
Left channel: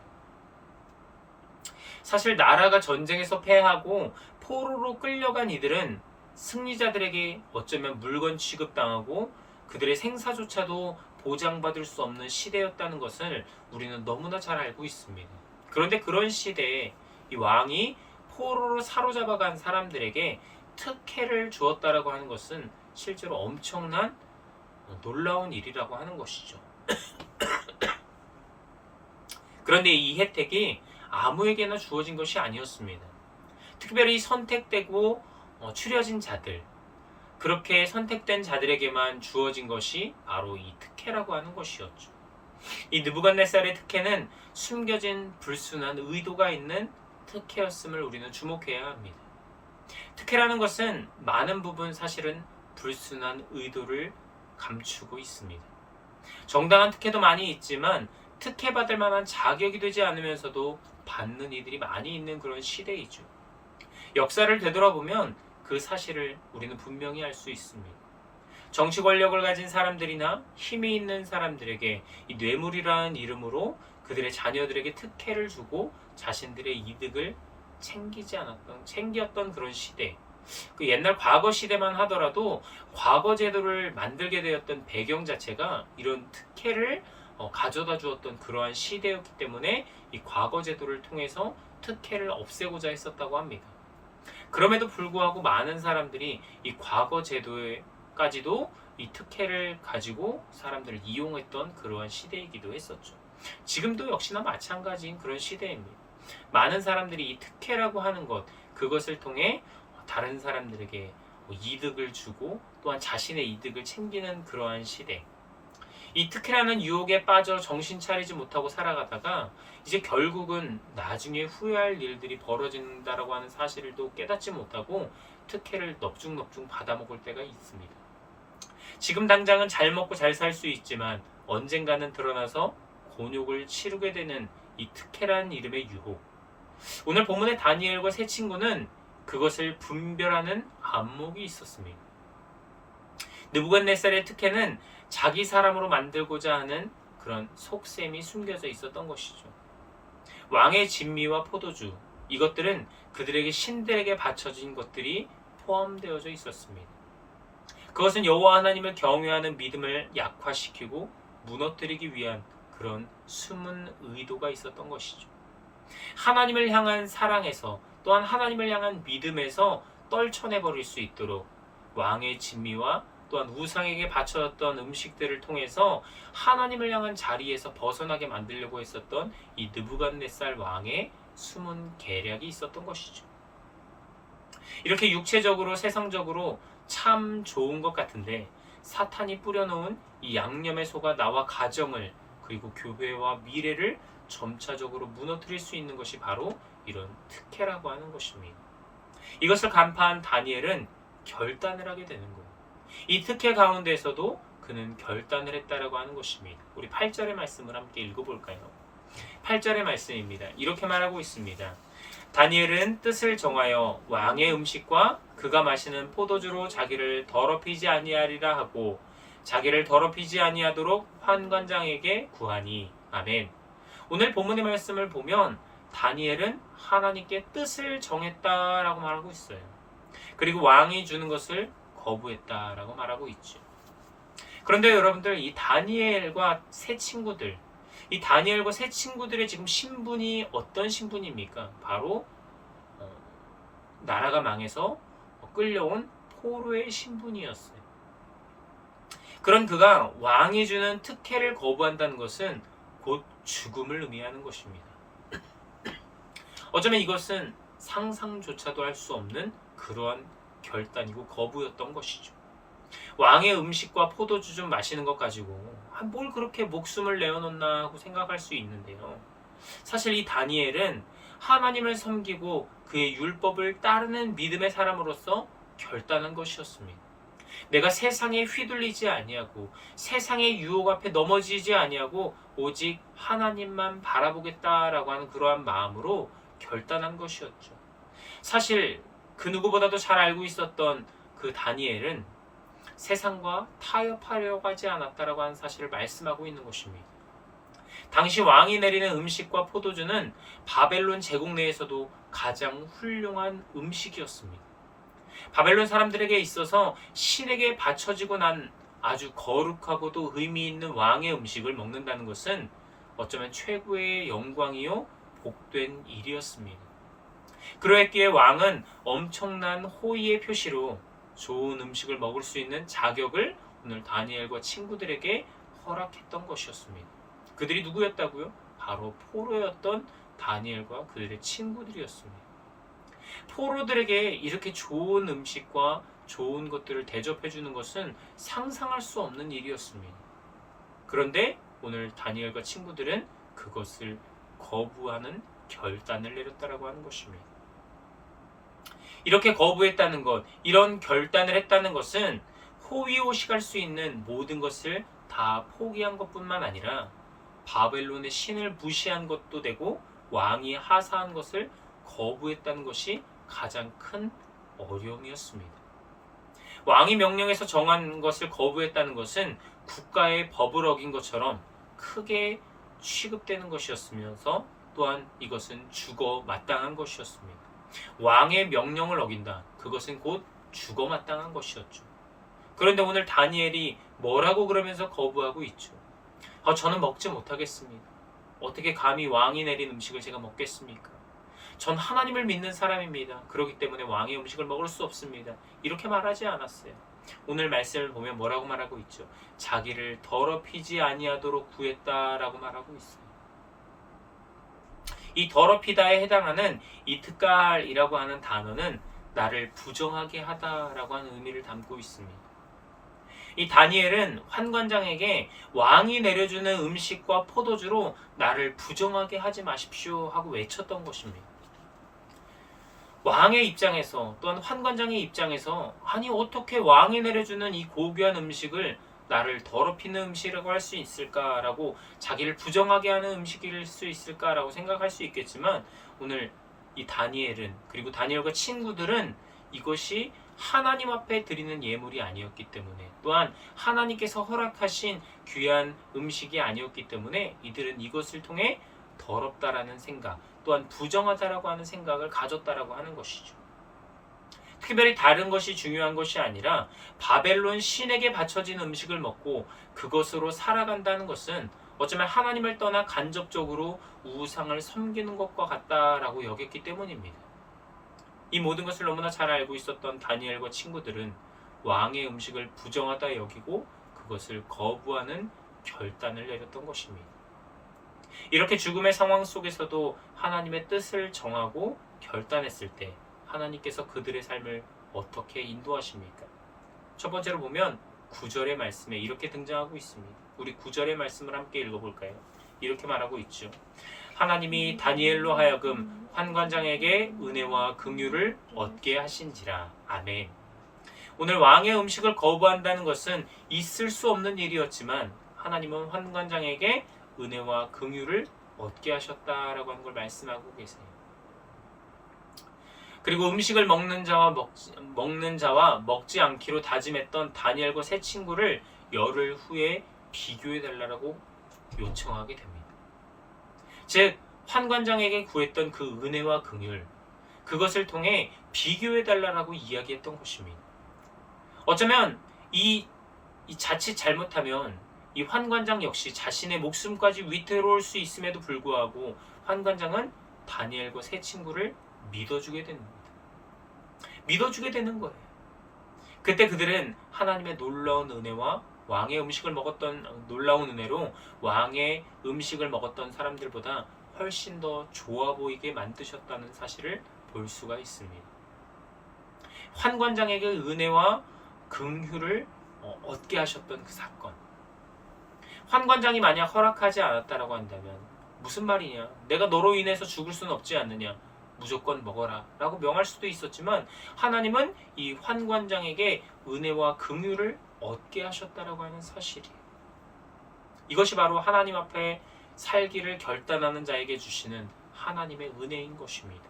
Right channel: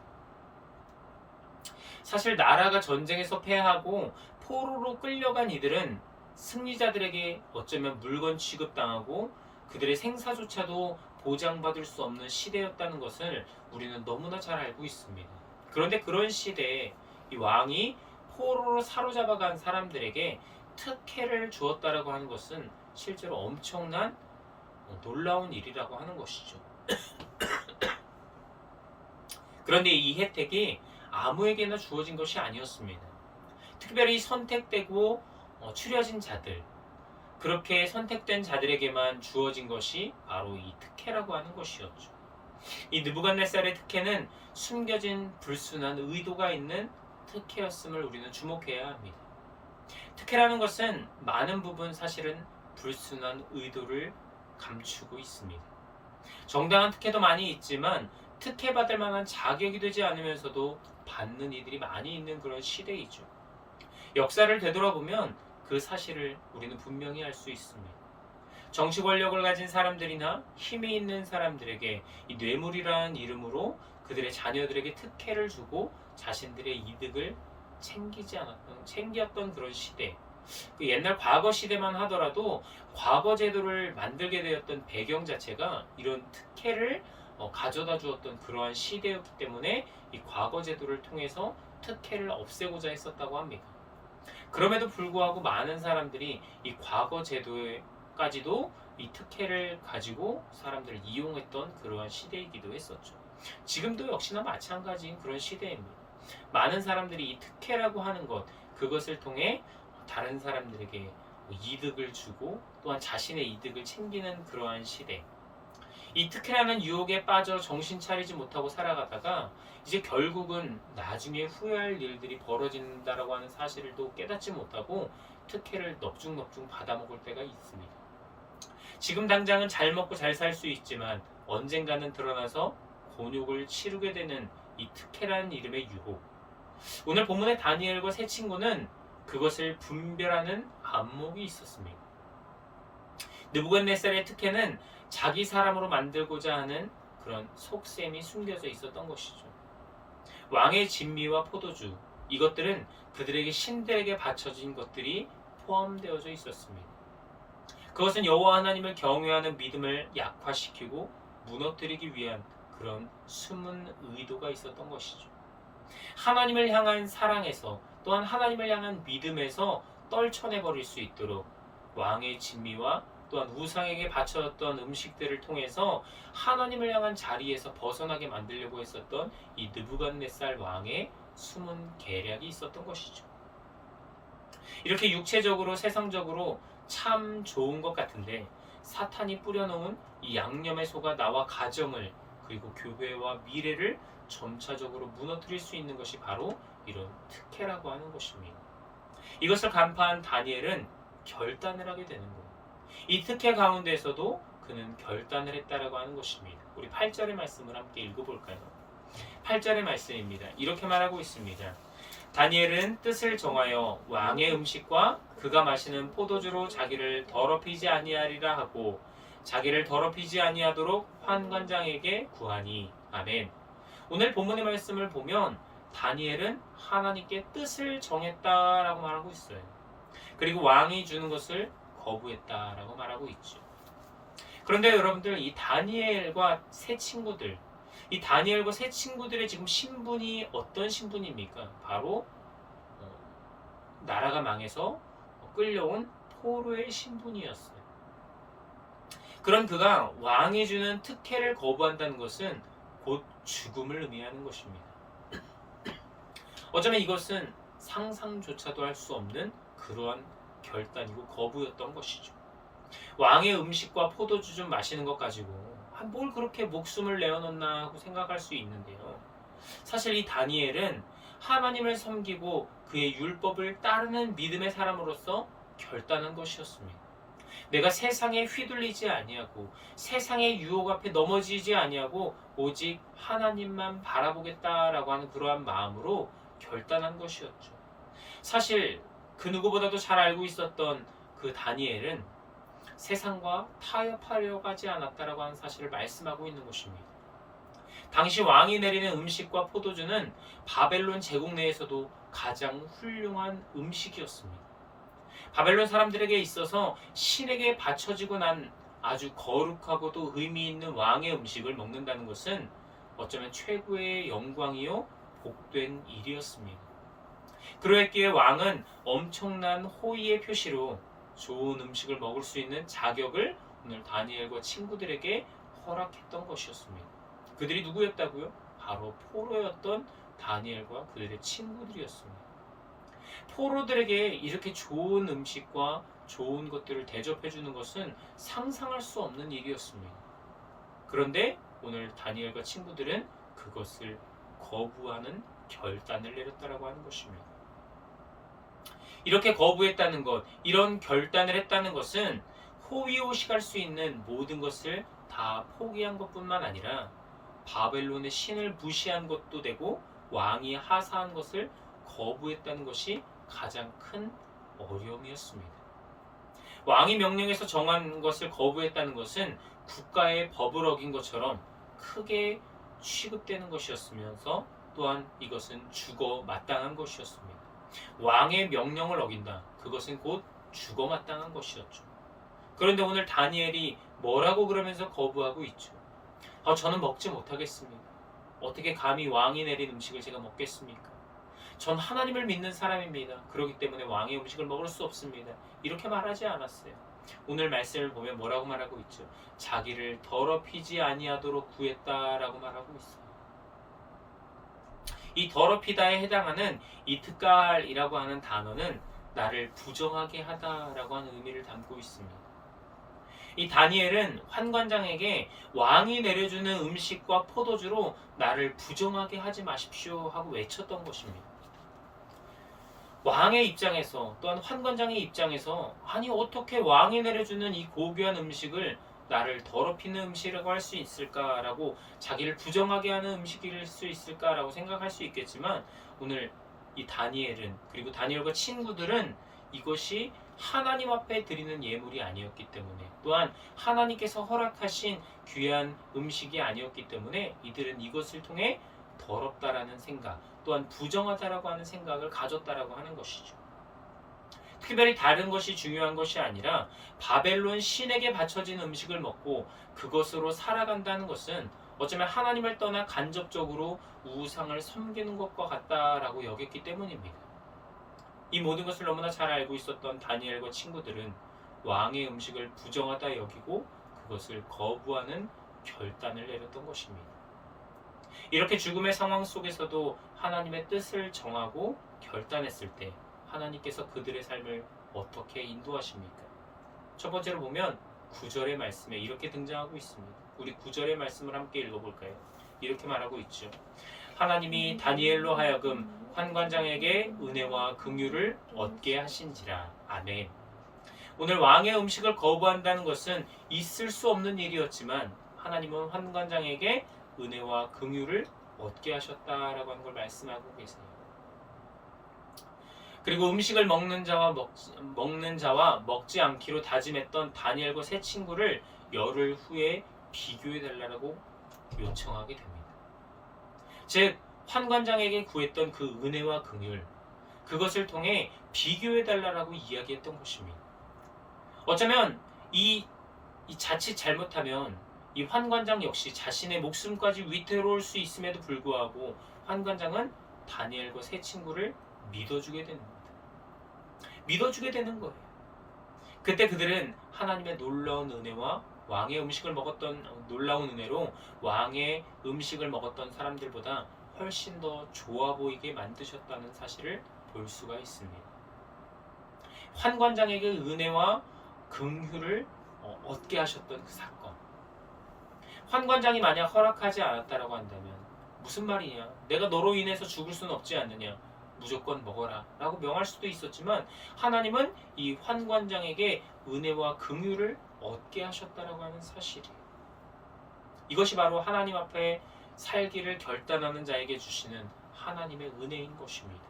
사실 나라가 전쟁에서 패하고 포로로 끌려간 이들은 승리자들에게 어쩌면 물건 취급당하고 그들의 생사조차도 보장받을 수 없는 시대였다는 것을 우리는 너무나 잘 알고 있습니다. 그런데 그런 시대에 이 왕이 포로로 사로잡아간 사람들에게 특혜를 주었다라고 하는 것은 실제로 엄청난 놀라운 일이라고 하는 것이죠. 그런데 이 혜택이 아무에게나 주어진 것이 아니었습니다. 특별히 선택되고 추려진 자들, 그렇게 선택된 자들에게만 주어진 것이 바로 이 특혜라고 하는 것이었죠. 이 느부갓네살의 특혜는 숨겨진 불순한 의도가 있는 특혜였음을 우리는 주목해야 합니다. 특혜라는 것은 많은 부분 사실은 불순한 의도를 감추고 있습니다. 정당한 특혜도 많이 있지만 특혜받을 만한 자격이 되지 않으면서도 받는 이들이 많이 있는 그런 시대이죠. 역사를 되돌아보면 그 사실을 우리는 분명히 알 수 있습니다. 정치 권력을 가진 사람들이나 힘이 있는 사람들에게 이 뇌물이라는 이름으로 그들의 자녀들에게 특혜를 주고 자신들의 이득을 챙겼던 그런 시대. 그 옛날 과거 시대만 하더라도 과거 제도를 만들게 되었던 배경 자체가 이런 특혜를 가져다 주었던 그러한 시대였기 때문에 이 과거 제도를 통해서 특혜를 없애고자 했었다고 합니다. 그럼에도 불구하고 많은 사람들이 이 과거 제도까지도 이 특혜를 가지고 사람들을 이용했던 그러한 시대이기도 했었죠. 지금도 역시나 마찬가지인 그런 시대입니다. 많은 사람들이 이 특혜라고 하는 것, 그것을 통해 다른 사람들에게 이득을 주고 또한 자신의 이득을 챙기는 그러한 시대. 이 특혜라는 유혹에 빠져 정신 차리지 못하고 살아가다가 이제 결국은 나중에 후회할 일들이 벌어진다라고 하는 사실을 또 깨닫지 못하고 특혜를 넙죽넙죽 받아먹을 때가 있습니다. 지금 당장은 잘 먹고 잘 살 수 있지만 언젠가는 드러나서 곤욕을 치르게 되는 이 특혜라는 이름의 유혹. 오늘 본문의 다니엘과 세 친구는 그것을 분별하는 안목이 있었습니다. 느부갓네살의 특혜는 자기 사람으로 만들고자 하는 그런 속셈이 숨겨져 있었던 것이죠. 왕의 진미와 포도주, 이것들은 그들에게 신들에게 바쳐진 것들이 포함되어져 있었습니다. 그것은 여호와 하나님을 경외하는 믿음을 약화시키고 무너뜨리기 위한 그런 숨은 의도가 있었던 것이죠. 하나님을 향한 사랑에서 또한 하나님을 향한 믿음에서 떨쳐내버릴 수 있도록 왕의 진미와 또한 우상에게 바쳐졌던 음식들을 통해서 하나님을 향한 자리에서 벗어나게 만들려고 했었던 이 느부갓네살 왕의 숨은 계략이 있었던 것이죠. 이렇게 육체적으로 세상적으로 참 좋은 것 같은데 사탄이 뿌려놓은 이 양념에 속아 나와 가정을 그리고 교회와 미래를 점차적으로 무너뜨릴 수 있는 것이 바로 이런 특혜라고 하는 것입니다. 이것을 간파한 다니엘은 결단을 하게 되는 거예요. 이 특혜 가운데에서도 그는 결단을 했다라고 하는 것입니다. 우리 8절의 말씀을 함께 읽어볼까요? 8절의 말씀입니다. 이렇게 말하고 있습니다. 다니엘은 뜻을 정하여 왕의 음식과 그가 마시는 포도주로 자기를 더럽히지 아니하리라 하고 자기를 더럽히지 아니하도록 환관장에게 구하니. 아멘. 오늘 본문의 말씀을 보면 다니엘은 하나님께 뜻을 정했다라고 말하고 있어요. 그리고 왕이 주는 것을 거부했다라고 말하고 있죠. 그런데 여러분들, 이 다니엘과 세 친구들, 이 다니엘과 세 친구들의 지금 신분이 어떤 신분입니까? 바로 나라가 망해서 끌려온 포로의 신분이었어요. 그런 그가 왕이 주는 특혜를 거부한다는 것은 곧 죽음을 의미하는 것입니다. 어쩌면 이것은 상상조차도 할 수 없는 그러한 결단이고 거부였던 것이죠. 왕의 음식과 포도주 좀 마시는 것 가지고 뭘 그렇게 목숨을 내어놓나 하고 생각할 수 있는데요. 사실 이 다니엘은 하나님을 섬기고 그의 율법을 따르는 믿음의 사람으로서 결단한 것이었습니다. 내가 세상에 휘둘리지 아니하고 세상의 유혹 앞에 넘어지지 아니하고 오직 하나님만 바라보겠다라고 하는 그러한 마음으로 결단한 것이었죠. 사실 그 누구보다도 잘 알고 있었던 그 다니엘은 세상과 타협하려고 하지 않았다라고 하는 사실을 말씀하고 있는 것입니다. 당시 왕이 내리는 음식과 포도주는 바벨론 제국 내에서도 가장 훌륭한 음식이었습니다. 바벨론 사람들에게 있어서 신에게 바쳐지고 난 아주 거룩하고도 의미 있는 왕의 음식을 먹는다는 것은 어쩌면 최고의 영광이요 복된 일이었습니다. 그러했기에 왕은 엄청난 호의의 표시로 좋은 음식을 먹을 수 있는 자격을 오늘 다니엘과 친구들에게 허락했던 것이었습니다. 그들이 누구였다고요? 바로 포로였던 다니엘과 그들의 친구들이었습니다. 포로들에게 이렇게 좋은 음식과 좋은 것들을 대접해 주는 것은 상상할 수 없는 일이었습니다. 그런데 오늘 다니엘과 친구들은 그것을 거부하는 결단을 내렸다라고 하는 것입니다. 이렇게 거부했다는 것, 이런 결단을 했다는 것은 호위호식할 수 있는 모든 것을 다 포기한 것뿐만 아니라 바벨론의 신을 무시한 것도 되고 왕이 하사한 것을 거부했다는 것이 가장 큰 어려움이었습니다. 왕이 명령해서 정한 것을 거부했다는 것은 국가의 법을 어긴 것처럼 크게 취급되는 것이었으면서 또한 이것은 죽어 마땅한 것이었습니다. 왕의 명령을 어긴다. 그것은 곧 죽어 마땅한 것이었죠. 그런데 오늘 다니엘이 뭐라고 그러면서 거부하고 있죠. 저는 먹지 못하겠습니다. 어떻게 감히 왕이 내린 음식을 제가 먹겠습니까? 전 하나님을 믿는 사람입니다. 그렇기 때문에 왕의 음식을 먹을 수 없습니다. 이렇게 말하지 않았어요. 오늘 말씀을 보면 뭐라고 말하고 있죠? 자기를 더럽히지 아니하도록 구했다라고 말하고 있어요. 이 더럽히다에 해당하는 이 특갈이라고 하는 단어는 나를 부정하게 하다라고 하는 의미를 담고 있습니다. 이 다니엘은 환관장에게 왕이 내려주는 음식과 포도주로 나를 부정하게 하지 마십시오 하고 외쳤던 것입니다. 왕의 입장에서 또한 환관장의 입장에서 아니 어떻게 왕이 내려주는 이 고귀한 음식을 나를 더럽히는 음식이라고 할 수 있을까라고 자기를 부정하게 하는 음식일 수 있을까라고 생각할 수 있겠지만 오늘 이 다니엘은 그리고 다니엘과 친구들은 이것이 하나님 앞에 드리는 예물이 아니었기 때문에 또한 하나님께서 허락하신 귀한 음식이 아니었기 때문에 이들은 이것을 통해 더럽다라는 생각 또한 부정하다라고 하는 생각을 가졌다라고 하는 것이죠. 특별히 다른 것이 중요한 것이 아니라 바벨론 신에게 바쳐진 음식을 먹고 그것으로 살아간다는 것은 어쩌면 하나님을 떠나 간접적으로 우상을 섬기는 것과 같다라고 여겼기 때문입니다. 이 모든 것을 너무나 잘 알고 있었던 다니엘과 친구들은 왕의 음식을 부정하다 여기고 그것을 거부하는 결단을 내렸던 것입니다. 이렇게 죽음의 상황 속에서도 하나님의 뜻을 정하고 결단했을 때 하나님께서 그들의 삶을 어떻게 인도하십니까? 첫 번째로 보면 9절의 말씀에 이렇게 등장하고 있습니다. 우리 9절의 말씀을 함께 읽어볼까요? 이렇게 말하고 있죠. 하나님이 다니엘로 하여금 환관장에게 은혜와 긍휼을 얻게 하신지라. 아멘. 오늘 왕의 음식을 거부한다는 것은 있을 수 없는 일이었지만 하나님은 환관장에게 은혜와 긍휼을 얻게 하셨다라고 하는 걸 말씀하고 계세요. 그리고 음식을 먹는 자와 먹지 않기로 다짐했던 다니엘과 세 친구를 열흘 후에 비교해 달라고 요청하게 됩니다. 즉 환관장에게 구했던 그 은혜와 긍휼 그것을 통해 비교해 달라고 이야기했던 것입니다. 어쩌면 이 자칫 잘못하면 이 환관장 역시 자신의 목숨까지 위태로울 수 있음에도 불구하고 환관장은 다니엘과 세 친구를 믿어주게 됩니다. 믿어주게 되는 거예요. 그때 그들은 하나님의 놀라운 은혜와 왕의 음식을 먹었던 놀라운 은혜로 왕의 음식을 먹었던 사람들보다 훨씬 더 좋아 보이게 만드셨다는 사실을 볼 수가 있습니다. 환관장에게 은혜와 긍휼을 얻게 하셨던 그 사건. 환관장이 만약 허락하지 않았다라고 한다면 무슨 말이냐? 내가 너로 인해서 죽을 수는 없지 않느냐? 무조건 먹어라 라고 명할 수도 있었지만 하나님은 이 환관장에게 은혜와 긍휼을 얻게 하셨다라고 하는 사실이에요. 이것이 바로 하나님 앞에 살기를 결단하는 자에게 주시는 하나님의 은혜인 것입니다.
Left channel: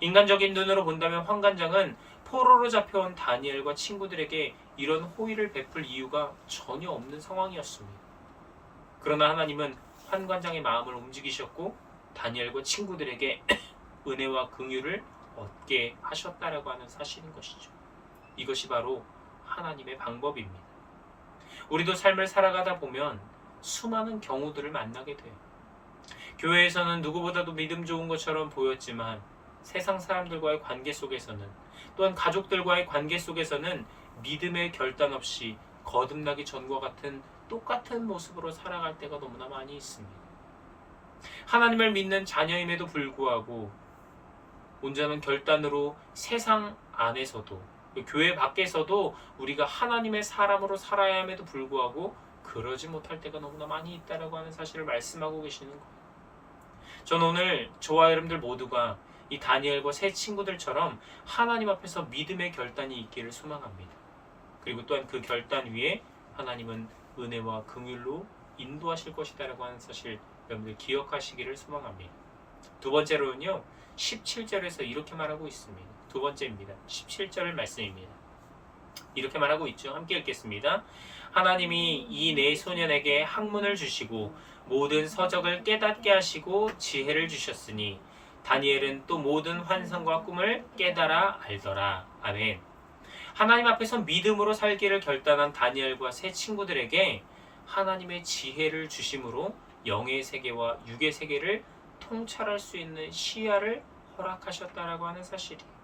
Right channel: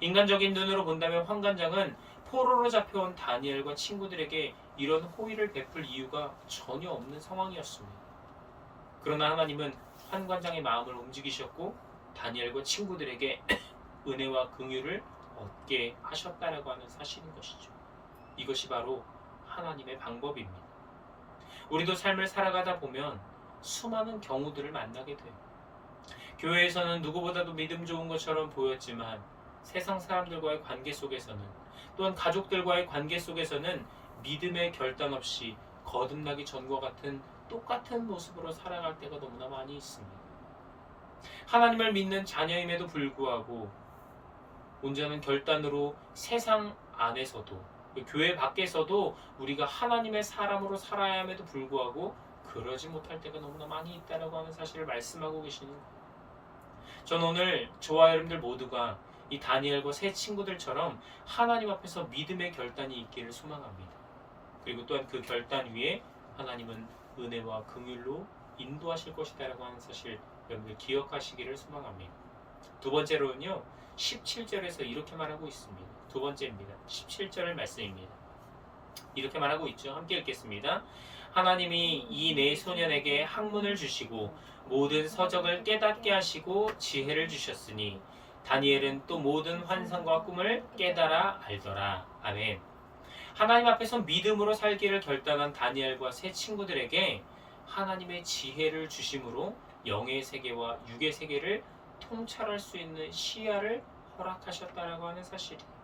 인간적인 눈으로 본다면 환관장은 포로로 잡혀온 다니엘과 친구들에게 이런 호의를 베풀 이유가 전혀 없는 상황이었습니다. 그러나 하나님은 환관장의 마음을 움직이셨고 다니엘과 친구들에게 은혜와 긍휼을 얻게 하셨다라고 하는 사실인 것이죠. 이것이 바로 하나님의 방법입니다. 우리도 삶을 살아가다 보면 수많은 경우들을 만나게 돼요. 교회에서는 누구보다도 믿음 좋은 것처럼 보였지만 세상 사람들과의 관계 속에서는, 또한 가족들과의 관계 속에서는 믿음의 결단 없이 거듭나기 전과 같은 똑같은 모습으로 살아갈 때가 너무나 많이 있습니다. 하나님을 믿는 자녀임에도 불구하고 온전한 결단으로 세상 안에서도, 교회 밖에서도 우리가 하나님의 사람으로 살아야 함에도 불구하고 그러지 못할 때가 너무나 많이 있다고 하는 사실을 말씀하고 계시는 거예요. 저는 오늘 저와 여러분들 모두가 이 다니엘과 세 친구들처럼 하나님 앞에서 믿음의 결단이 있기를 소망합니다. 그리고 또한 그 결단 위에 하나님은 은혜와 긍휼로 인도하실 것이다라고 하는 사실 여러분들 기억하시기를 소망합니다. 두 번째로는요, 17절에서 이렇게 말하고 있습니다. 두 번째입니다. 17절 말씀입니다. 이렇게 말하고 있죠. 함께 읽겠습니다. 하나님이 이 네 소년에게 학문을 주시고 모든 서적을 깨닫게 하시고 지혜를 주셨으니 다니엘은 또 모든 환상과 꿈을 깨달아 알더라. 아멘. 하나님 앞에서 믿음으로 살기를 결단한 다니엘과 세 친구들에게 하나님의 지혜를 주심으로 영의 세계와 육의 세계를 통찰할 수 있는 시야를 허락하셨다라고 하는 사실이에요.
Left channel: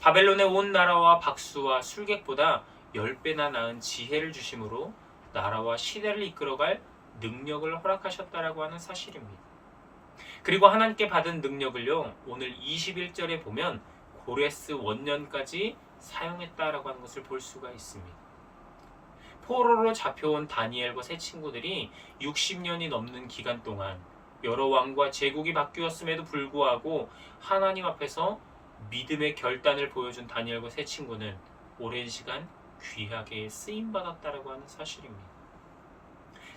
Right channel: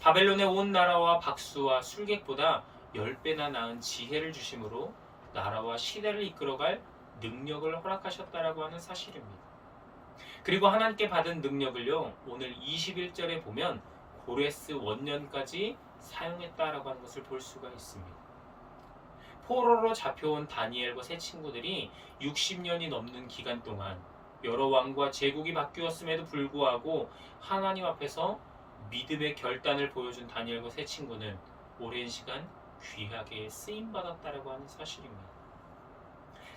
바벨론의 온 나라와 박수와 술객보다 10배나 나은 지혜를 주심으로 나라와 시대를 이끌어갈 능력을 허락하셨다라고 하는 사실입니다. 그리고 하나님께 받은 능력을요, 오늘 21절에 보면 고레스 원년까지 사용했다라고 하는 것을 볼 수가 있습니다. 포로로 잡혀온 다니엘과 세 친구들이 60년이 넘는 기간 동안 여러 왕과 제국이 바뀌었음에도 불구하고 하나님 앞에서 믿음의 결단을 보여준 다니엘과 세 친구는 오랜 시간 귀하게 쓰임받았다라고 하는 사실입니다.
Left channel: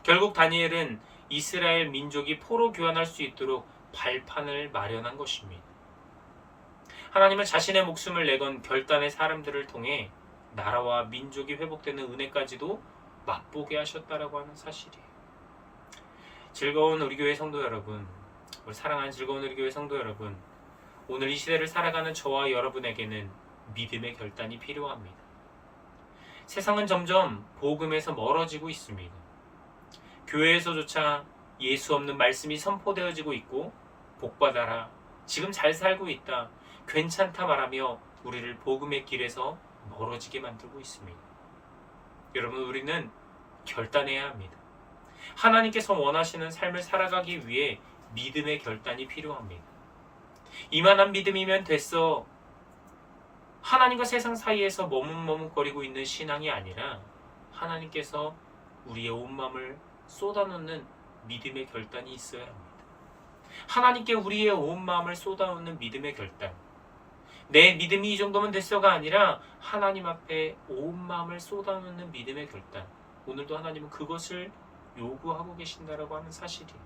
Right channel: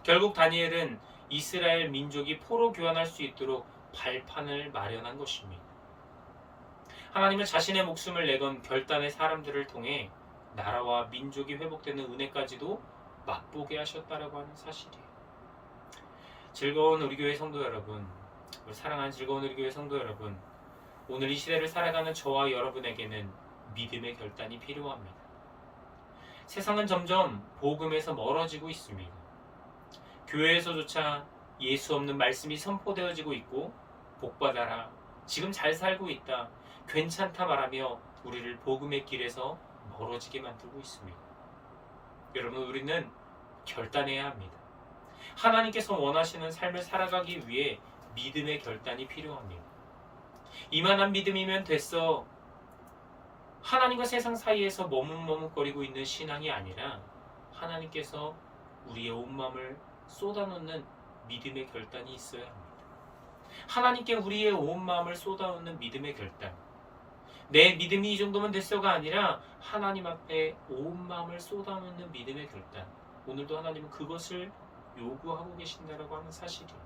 결국 다니엘은 이스라엘 민족이 포로 교환할 수 있도록 발판을 마련한 것입니다. 하나님은 자신의 목숨을 내건 결단의 사람들을 통해 나라와 민족이 회복되는 은혜까지도 맛보게 하셨다라고 하는 사실이에요. 즐거운 우리 교회 성도 여러분, 우리 사랑하는 즐거운 우리 교회 성도 여러분, 오늘 이 시대를 살아가는 저와 여러분에게는 믿음의 결단이 필요합니다. 세상은 점점 복음에서 멀어지고 있습니다. 교회에서조차 예수 없는 말씀이 선포되어지고 있고, 복받아라, 지금 잘 살고 있다, 괜찮다 말하며 우리를 복음의 길에서 멀어지게 만들고 있습니다. 여러분, 우리는 결단해야 합니다. 하나님께서 원하시는 삶을 살아가기 위해 믿음의 결단이 필요합니다. 이만한 믿음이면 됐어, 하나님과 세상 사이에서 머뭇머뭇거리고 있는 신앙이 아니라 하나님께서 우리의 온 마음을 쏟아놓는 믿음의 결단이 있어야 합니다. 하나님께 우리의 온 마음을 쏟아놓는 믿음의 결단, 내 믿음이 이 정도면 됐어가 아니라 하나님 앞에 온 마음을 쏟아놓는 믿음의 결단, 오늘도 하나님은 그것을 요구하고 계신다라고 하는 사실이에요.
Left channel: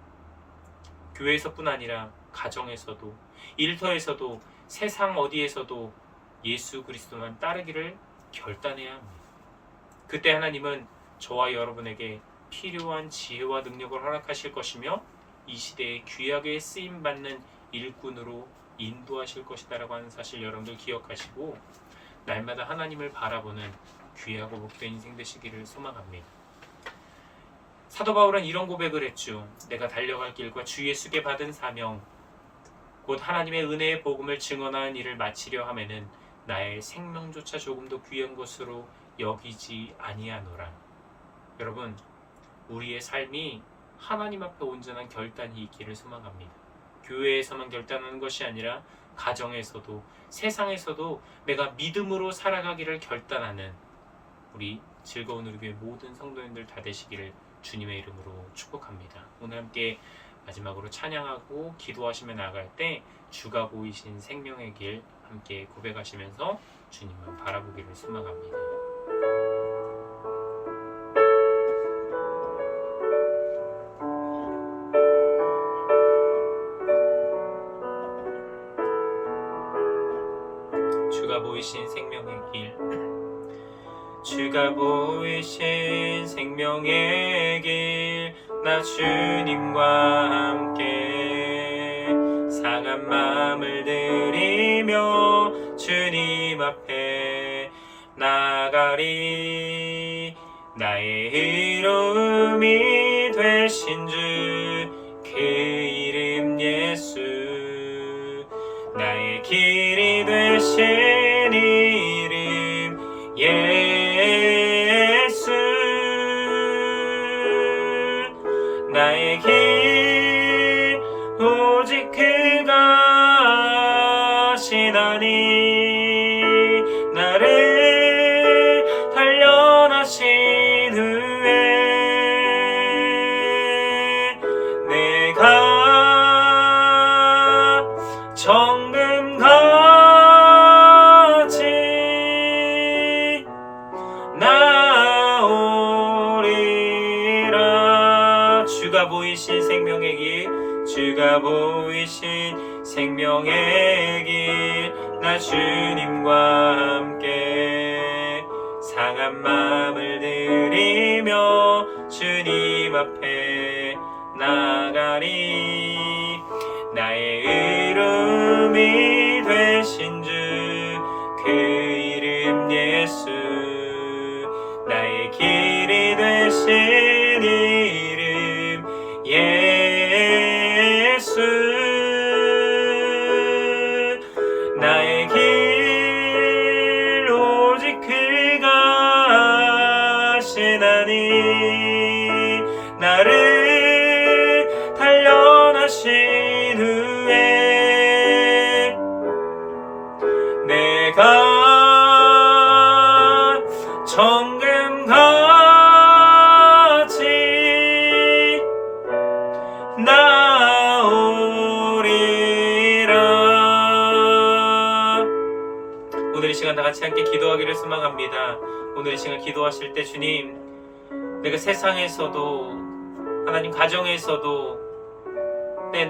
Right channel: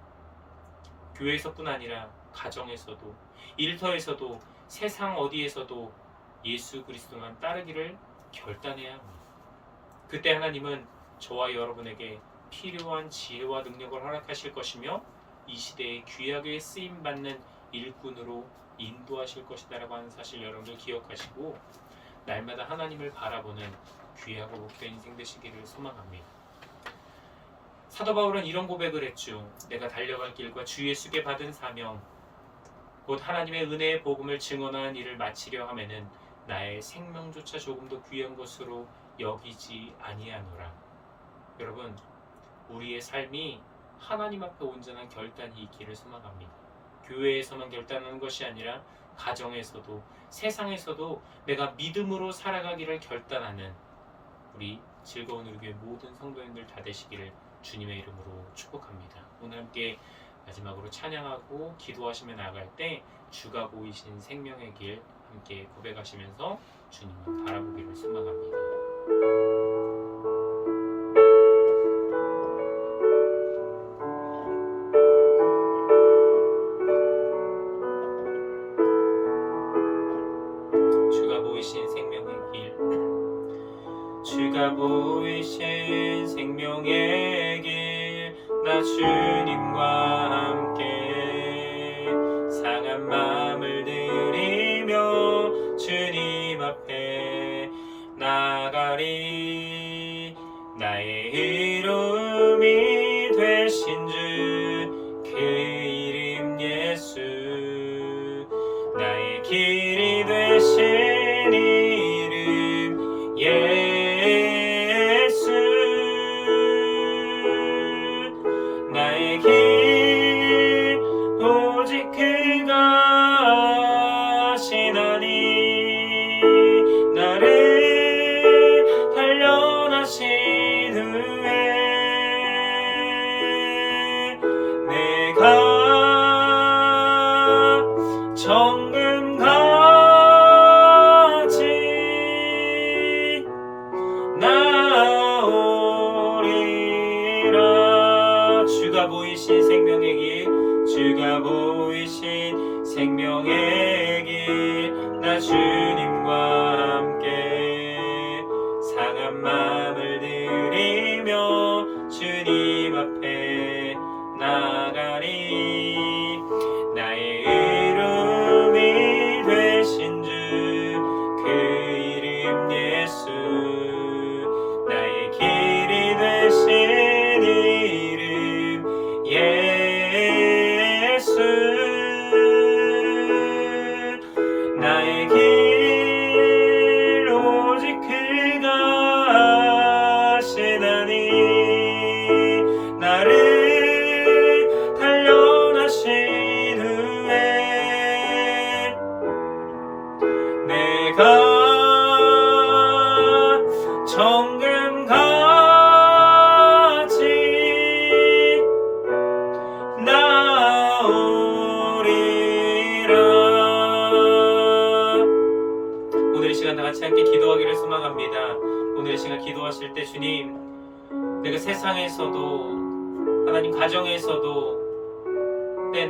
교회에서뿐 아니라 가정에서도, 일터에서도, 세상 어디에서도 예수 그리스도만 따르기를 결단해야 합니다. 그때 하나님은 저와 여러분에게 필요한 지혜와 능력을 허락하실 것이며 이 시대에 귀하게 쓰임받는 일꾼으로 인도하실 것이다라고 하는 사실 여러분들 기억하시고 날마다 하나님을 바라보는 귀하고 복된 인생 되시기를 소망합니다. 사도 바울은 이런 고백을 했죠. 내가 달려갈 길과 주 예수께 받은 사명, 곧 하나님의 은혜의 복음을 증언하는 일을 마치려 하면은 나의 생명조차 조금도 귀한 것으로 여기지 아니하노라. 여러분, 우리의 삶이 하나님 앞에 온전한 결단이 있기를 소망합니다. 교회에서만 결단하는 것이 아니라 가정에서도, 세상에서도 내가 믿음으로 살아가기를 결단하는 우리 즐거운 우리 교회 모든 성도님들 다 되시기를 주님의 이름으로 축복합니다. 오늘 함께 마지막으로 찬양하고 기도하시며 나아갈 때 주가 보이신 생명의 길 함께 고백하시면서 주님만 바라보기를 소망합니다. 주가 보이신 생명의 길, 주가 보이신 생명의 길, 나 주님과 함께 상한 마음을 들이며 주님 앞에 나가리. 나의 의로움이 되신 주 그 나의 길이 되신 이름 예수 나의 길 오직 그가 하시나니 나를 단련하신 후에 내가 정금같이 나오리라. 주가 보이신 생명의 길, 주가 보이신 생명의 길, 나 주님과 함께 상한 마음을 들이며 주님 앞에 나가리. 나의 의로움이 되신 주 그 이름 예수 나의 길이 되신 이름 예수 나의 길 오직 그가 하시나니 나를 단련하신 후에 내가 정금같이 나오리라. 오늘 이 시간 다 같이 함께 기도하기를 소망합니다. 오늘 이 시간 기도하실 때 주님, 내가 세상에서도 하나님 가정에서도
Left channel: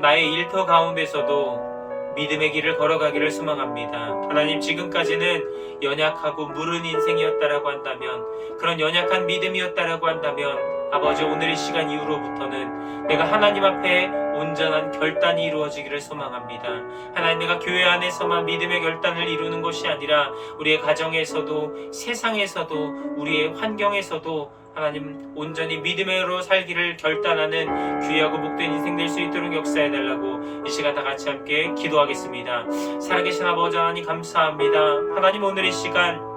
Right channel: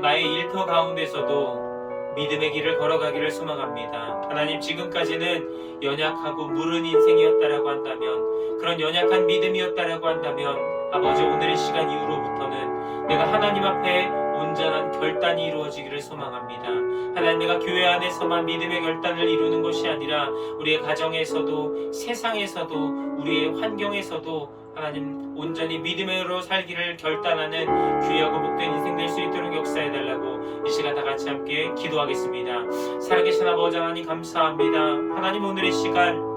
나의 일터 가운데서도 믿음의 길을 걸어가기를 소망합니다. 하나님, 지금까지는 연약하고 무른 인생이었다라고 한다면, 그런 연약한 믿음이었다라고 한다면, 아버지 오늘 이 시간 이후로부터는 내가 하나님 앞에 온전한 결단이 이루어지기를 소망합니다. 하나님, 내가 교회 안에서만 믿음의 결단을 이루는 것이 아니라 우리의 가정에서도 세상에서도 우리의 환경에서도 하나님 온전히 믿음으로 살기를 결단하는 귀하고 복된 인생 될 수 있도록 역사해달라고 이 시간 다 같이 함께 기도하겠습니다. 살아계신 아버지 하나님 감사합니다. 하나님, 오늘 이 시간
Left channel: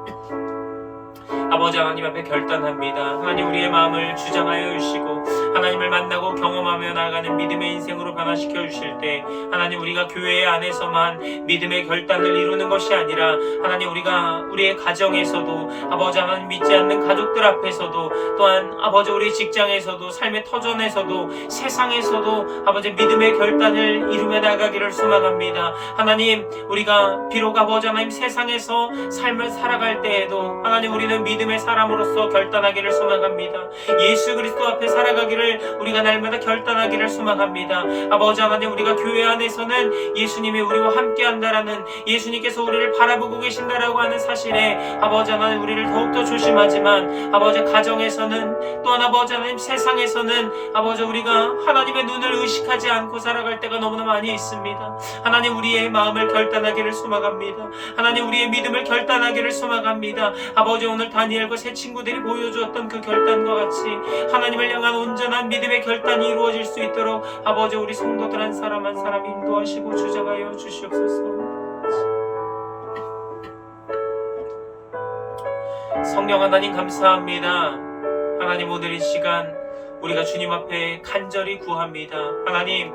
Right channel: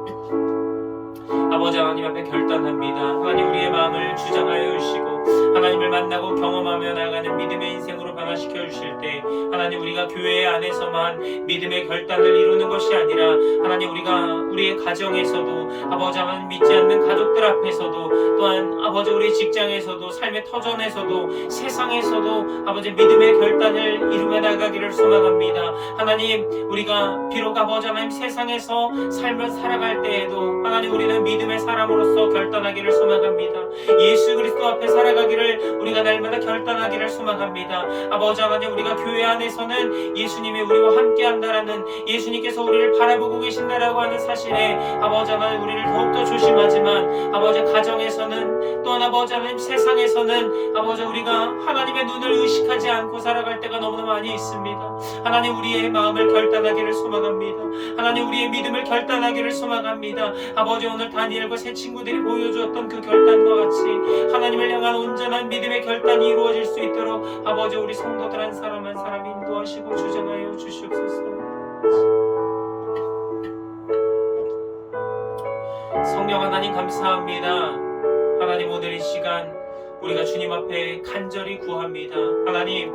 아버지 하나님 앞에 결단합니다. 하나님, 우리의 마음을 주장하여 주시고 하나님을 만나고 경험하며 나아가는 믿음의 인생으로 변화시켜 주실 때, 하나님, 우리가 교회 안에서만 믿음의 결단을 이루는 것이 아니라 하나님, 우리가 우리의 가정에서도 아버지 하나님 믿지 않는 가족들 앞에서도, 또한 아버지 우리 직장에서도, 삶의 터전에서도, 세상에서도 아버지 믿음의 결단을 이루며 나가기를 소망합니다. 하나님, 우리가 비록 아버지 하나님 세상에서 삶을 살아갈 때에도 하나님, 우리는 믿음의 사람으로서 결단하기를 소망합니다. 예수 그리스도 앞에 살아가기를 우리가 날마다 결단하기를 소망합니다. 아버지 하나님, 우리가 교회 안에서는 예수님이 우리와 함께 한다라는, 예수님께서 우리를 바라보고 계신다라고 하는 사실에 아버지 하나님 우리를 더욱더 조심하지만, 아버지 가정에서는, 또한 아버지 하나님 세상에서는 아버지 우리가 하나님의 눈을 의식하지 않고 살아갈 때가 너무나 많이 있습니다. 하나님, 우리의 마음을 결단하기를 소망합니다. 하나님, 우리의 믿음을 결단하기를 소망합니다. 아버지, 오늘 다니엘과 새 친구들이 보여주었던 그 결단과 같이 하나님을 향한 온전한 믿음의 결단이 이루어질 수 있도록 아버지 우리 성도들 한 사람 한 사람 인도하시고 주장하여 주시옵소서. 성령 하나님 감사합니다. 하나님, 오늘 이 시간 우리가 주님 앞에 간절히 구합니다. 하나님,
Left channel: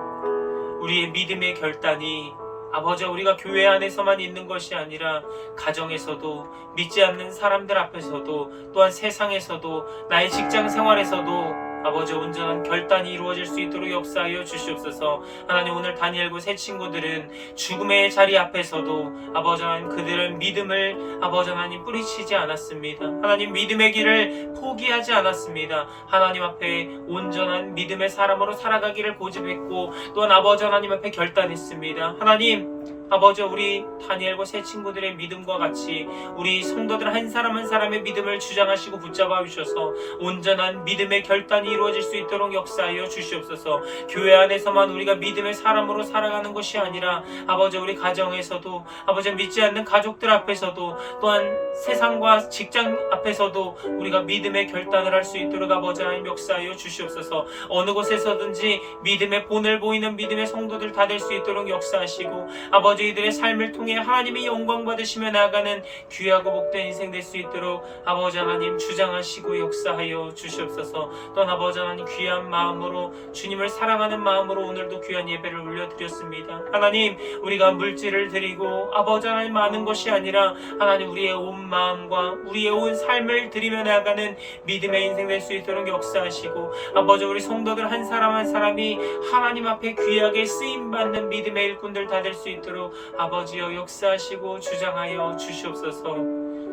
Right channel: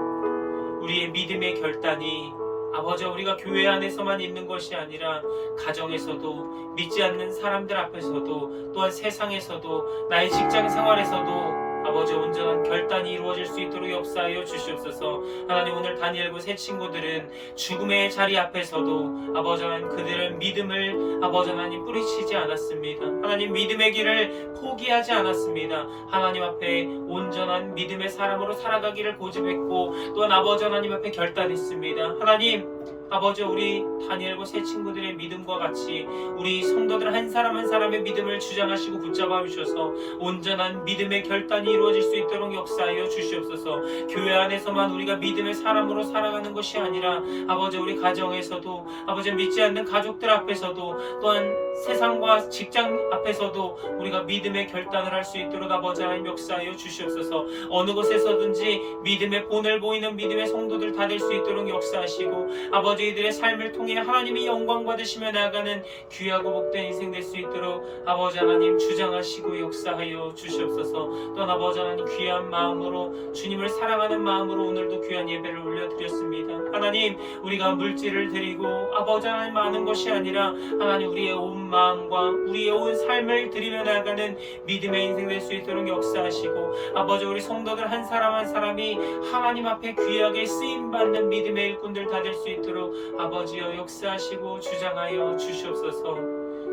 우리의 믿음의 결단이 아버지 우리가 교회 안에서만 있는 것이 아니라 가정에서도, 믿지 않는 사람들 앞에서도, 또한 세상에서도, 나의 직장 생활에서도 아버지 온전한 결단이 이루어질 수 있도록 역사하여 주시옵소서. 하나님, 오늘 다니엘과 새 친구들은 죽음의 자리 앞에서도 아버지 하나님 그들은 믿음을 아버지 하나님 뿌리치지 않았습니다. 하나님, 믿음의 길을 포기하지 않았습니다. 하나님 앞에 온전한 믿음의 사람으로 살아가기를 고집했고, 또한 아버지 하나님 앞에 결단했습니다. 하나님, 아버지 우리 다니엘과 세 친구들의 믿음과 같이 우리 성도들 한 사람 한 사람의 믿음을 주장하시고 붙잡아 주셔서 온전한 믿음의 결단이 이루어질 수 있도록 역사하여 주시옵소서. 교회 안에서만 우리가 믿음의 사람으로 살아가는 것이 아니라 아버지 우리 가정에서도 아버지 믿지 않는 가족들 앞에서도 또한 세상과 직장 앞에서도 우리가 믿음의 결단을 할 수 있도록 아버지 하나님 역사하여 주시옵소서. 어느 곳에서든지 믿음의 본을 보이는 믿음의 성도들 다 될 수 있도록 역사하시고 아버지 이들의 삶을 통해 하나님이 영광 받으시며 나아가는 귀하고 복된 인생 될 수 있도록 아버지 하나님 주장하시고 역사하여 주시옵소서. 또한 아버지 하나님 귀한 마음으로 주님을 사랑하는 마음으로 오늘도 귀한 예배를 올려드렸습니다. 하나님 우리가 물질을 드리고 아버지 하나님 많은 것이 아니라 하나님 우리의 온 마음과 우리의 온 삶을 드리며 나아가는 믿음의 인생 될 수 있도록 역사하시고 아버지 우리 성도들 한 사람 한 사람이 하나님 앞에 귀하게 쓰임받는 믿음의 일꾼들 다 될 수 있도록 아버지여 역사하시고 주장하여 주시옵소서.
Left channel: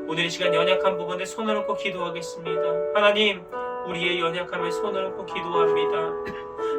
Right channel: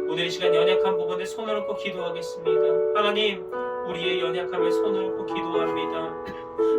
오늘 이 시간 연약한 부분에 손을 얹고 기도하겠습니다. 하나님 우리의 연약함에 손을 얹고 기도합니다.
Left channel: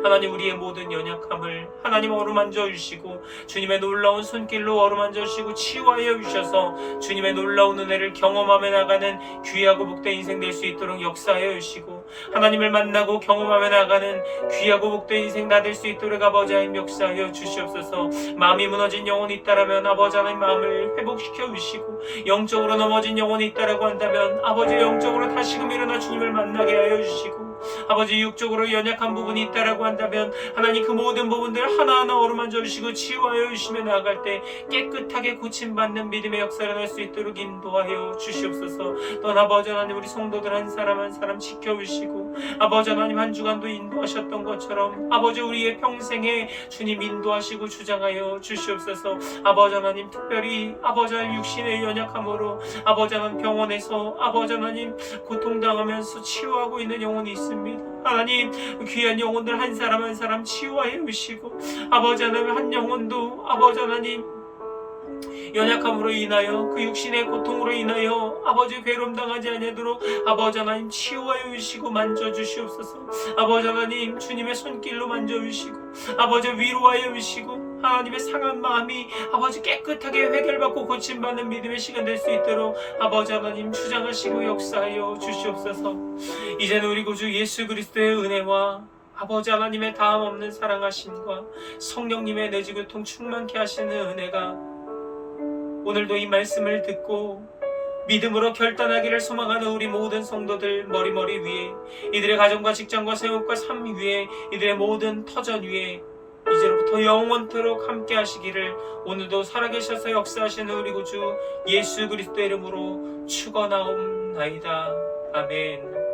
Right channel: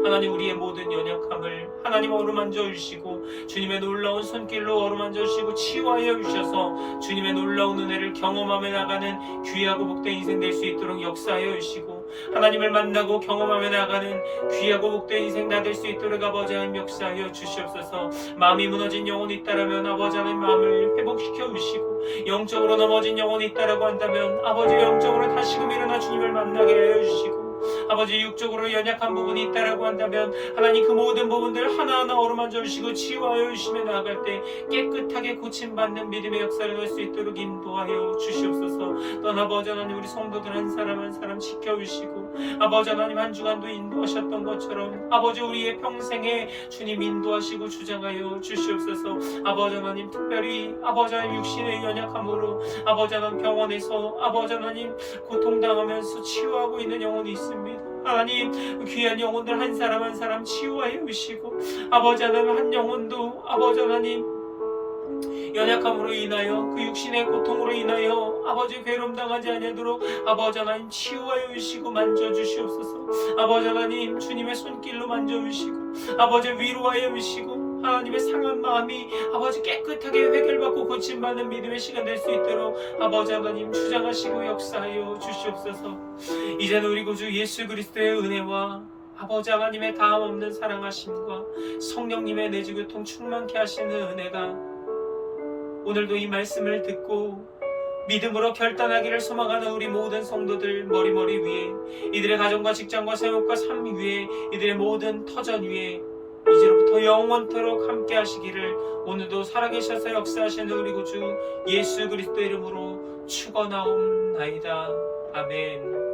하나님 우리의 모든 연약함을 하나님 어루만져 주시고 주님의 놀라운 손길로 어루만져 주시고 치유하여 주셔서 주님의 놀라운 은혜를 경험하며 나가는 귀하고 복된 인생 될 수 있도록 역사하여 주시고 하나님을 만나고 경험하며 나가는 귀하고 복된 인생 다 될 수 있도록 아버지 하나님 역사하여 주시옵소서. 마음이 무너진 영혼이 있다라면 아버지 하나님 마음을 회복시켜 주시고 영적으로 넘어진 영혼이 있다라고 한다면 아버지 영적으로 다시금 일어나 주님을 만나게 하여 주시고 아버지 육적으로 연약한 부분이 있다라고 한다면 하나님 그 모든 부분들 하나하나 어루만져 주시고 치유하여 주시며 나아갈 때 깨끗하게 고침받는 믿음의 역사를 할 수 있도록 인도하여 주시옵소서. 또한 아버지 하나님 우리 성도들 한 사람 한 사람 지켜주시고 아버지 하나님 한 주간도 인도하셨던 것처럼 아버지 우리의 평생에 주님 인도하시고 주장하여 주시옵소서. 아버지 하나님 특별히 아버지 하나님 육신의 연약함으로 아버지 하나님 병원에서 아버지 하나님 고통당하면서 치유하고 있는 영혼이 있습니다. 하나님 귀한 영혼들 한 사람 한 사람 치유하여 주시고 아버지 하나님 한 영혼도 아버지 하나님 연약함으로 인하여 그 육신의 고통으로 인하여 아버지 괴로움 당하지 아니하도록 아버지 하나님 치유하여 주시고 만져주시옵소서. 아버지 하나님 주님의 손길로 만져주시고 아버지 위로하여 주시고 하나님의 상한 마음이 아버지 깨끗하게 해결받고 고침받는 믿음의 시간 될 수 있도록 아버지 하나님 주장하시고 역사하여 주시옵소서. 이제는 우리 구주 예수 그리스도의 은혜와 아버지 하나님의 다음 없는 사랑하심과 성령님의 내주교통 충만케 하시는 은혜가 오늘도 이 말씀을 듣고 믿음으로 결단하기를 소망하는 우리 모든 성도들 머리머리 위에 이들의 가정과 직장과 생업과 삶 위에 이들의 모든 터전 위에 이제로부터 영원토록 함께 하시기를 오늘도 살아계셔서 역사하시는 우리 구주 예수 그리스도 이름으로 축원하옵나이다. 아멘.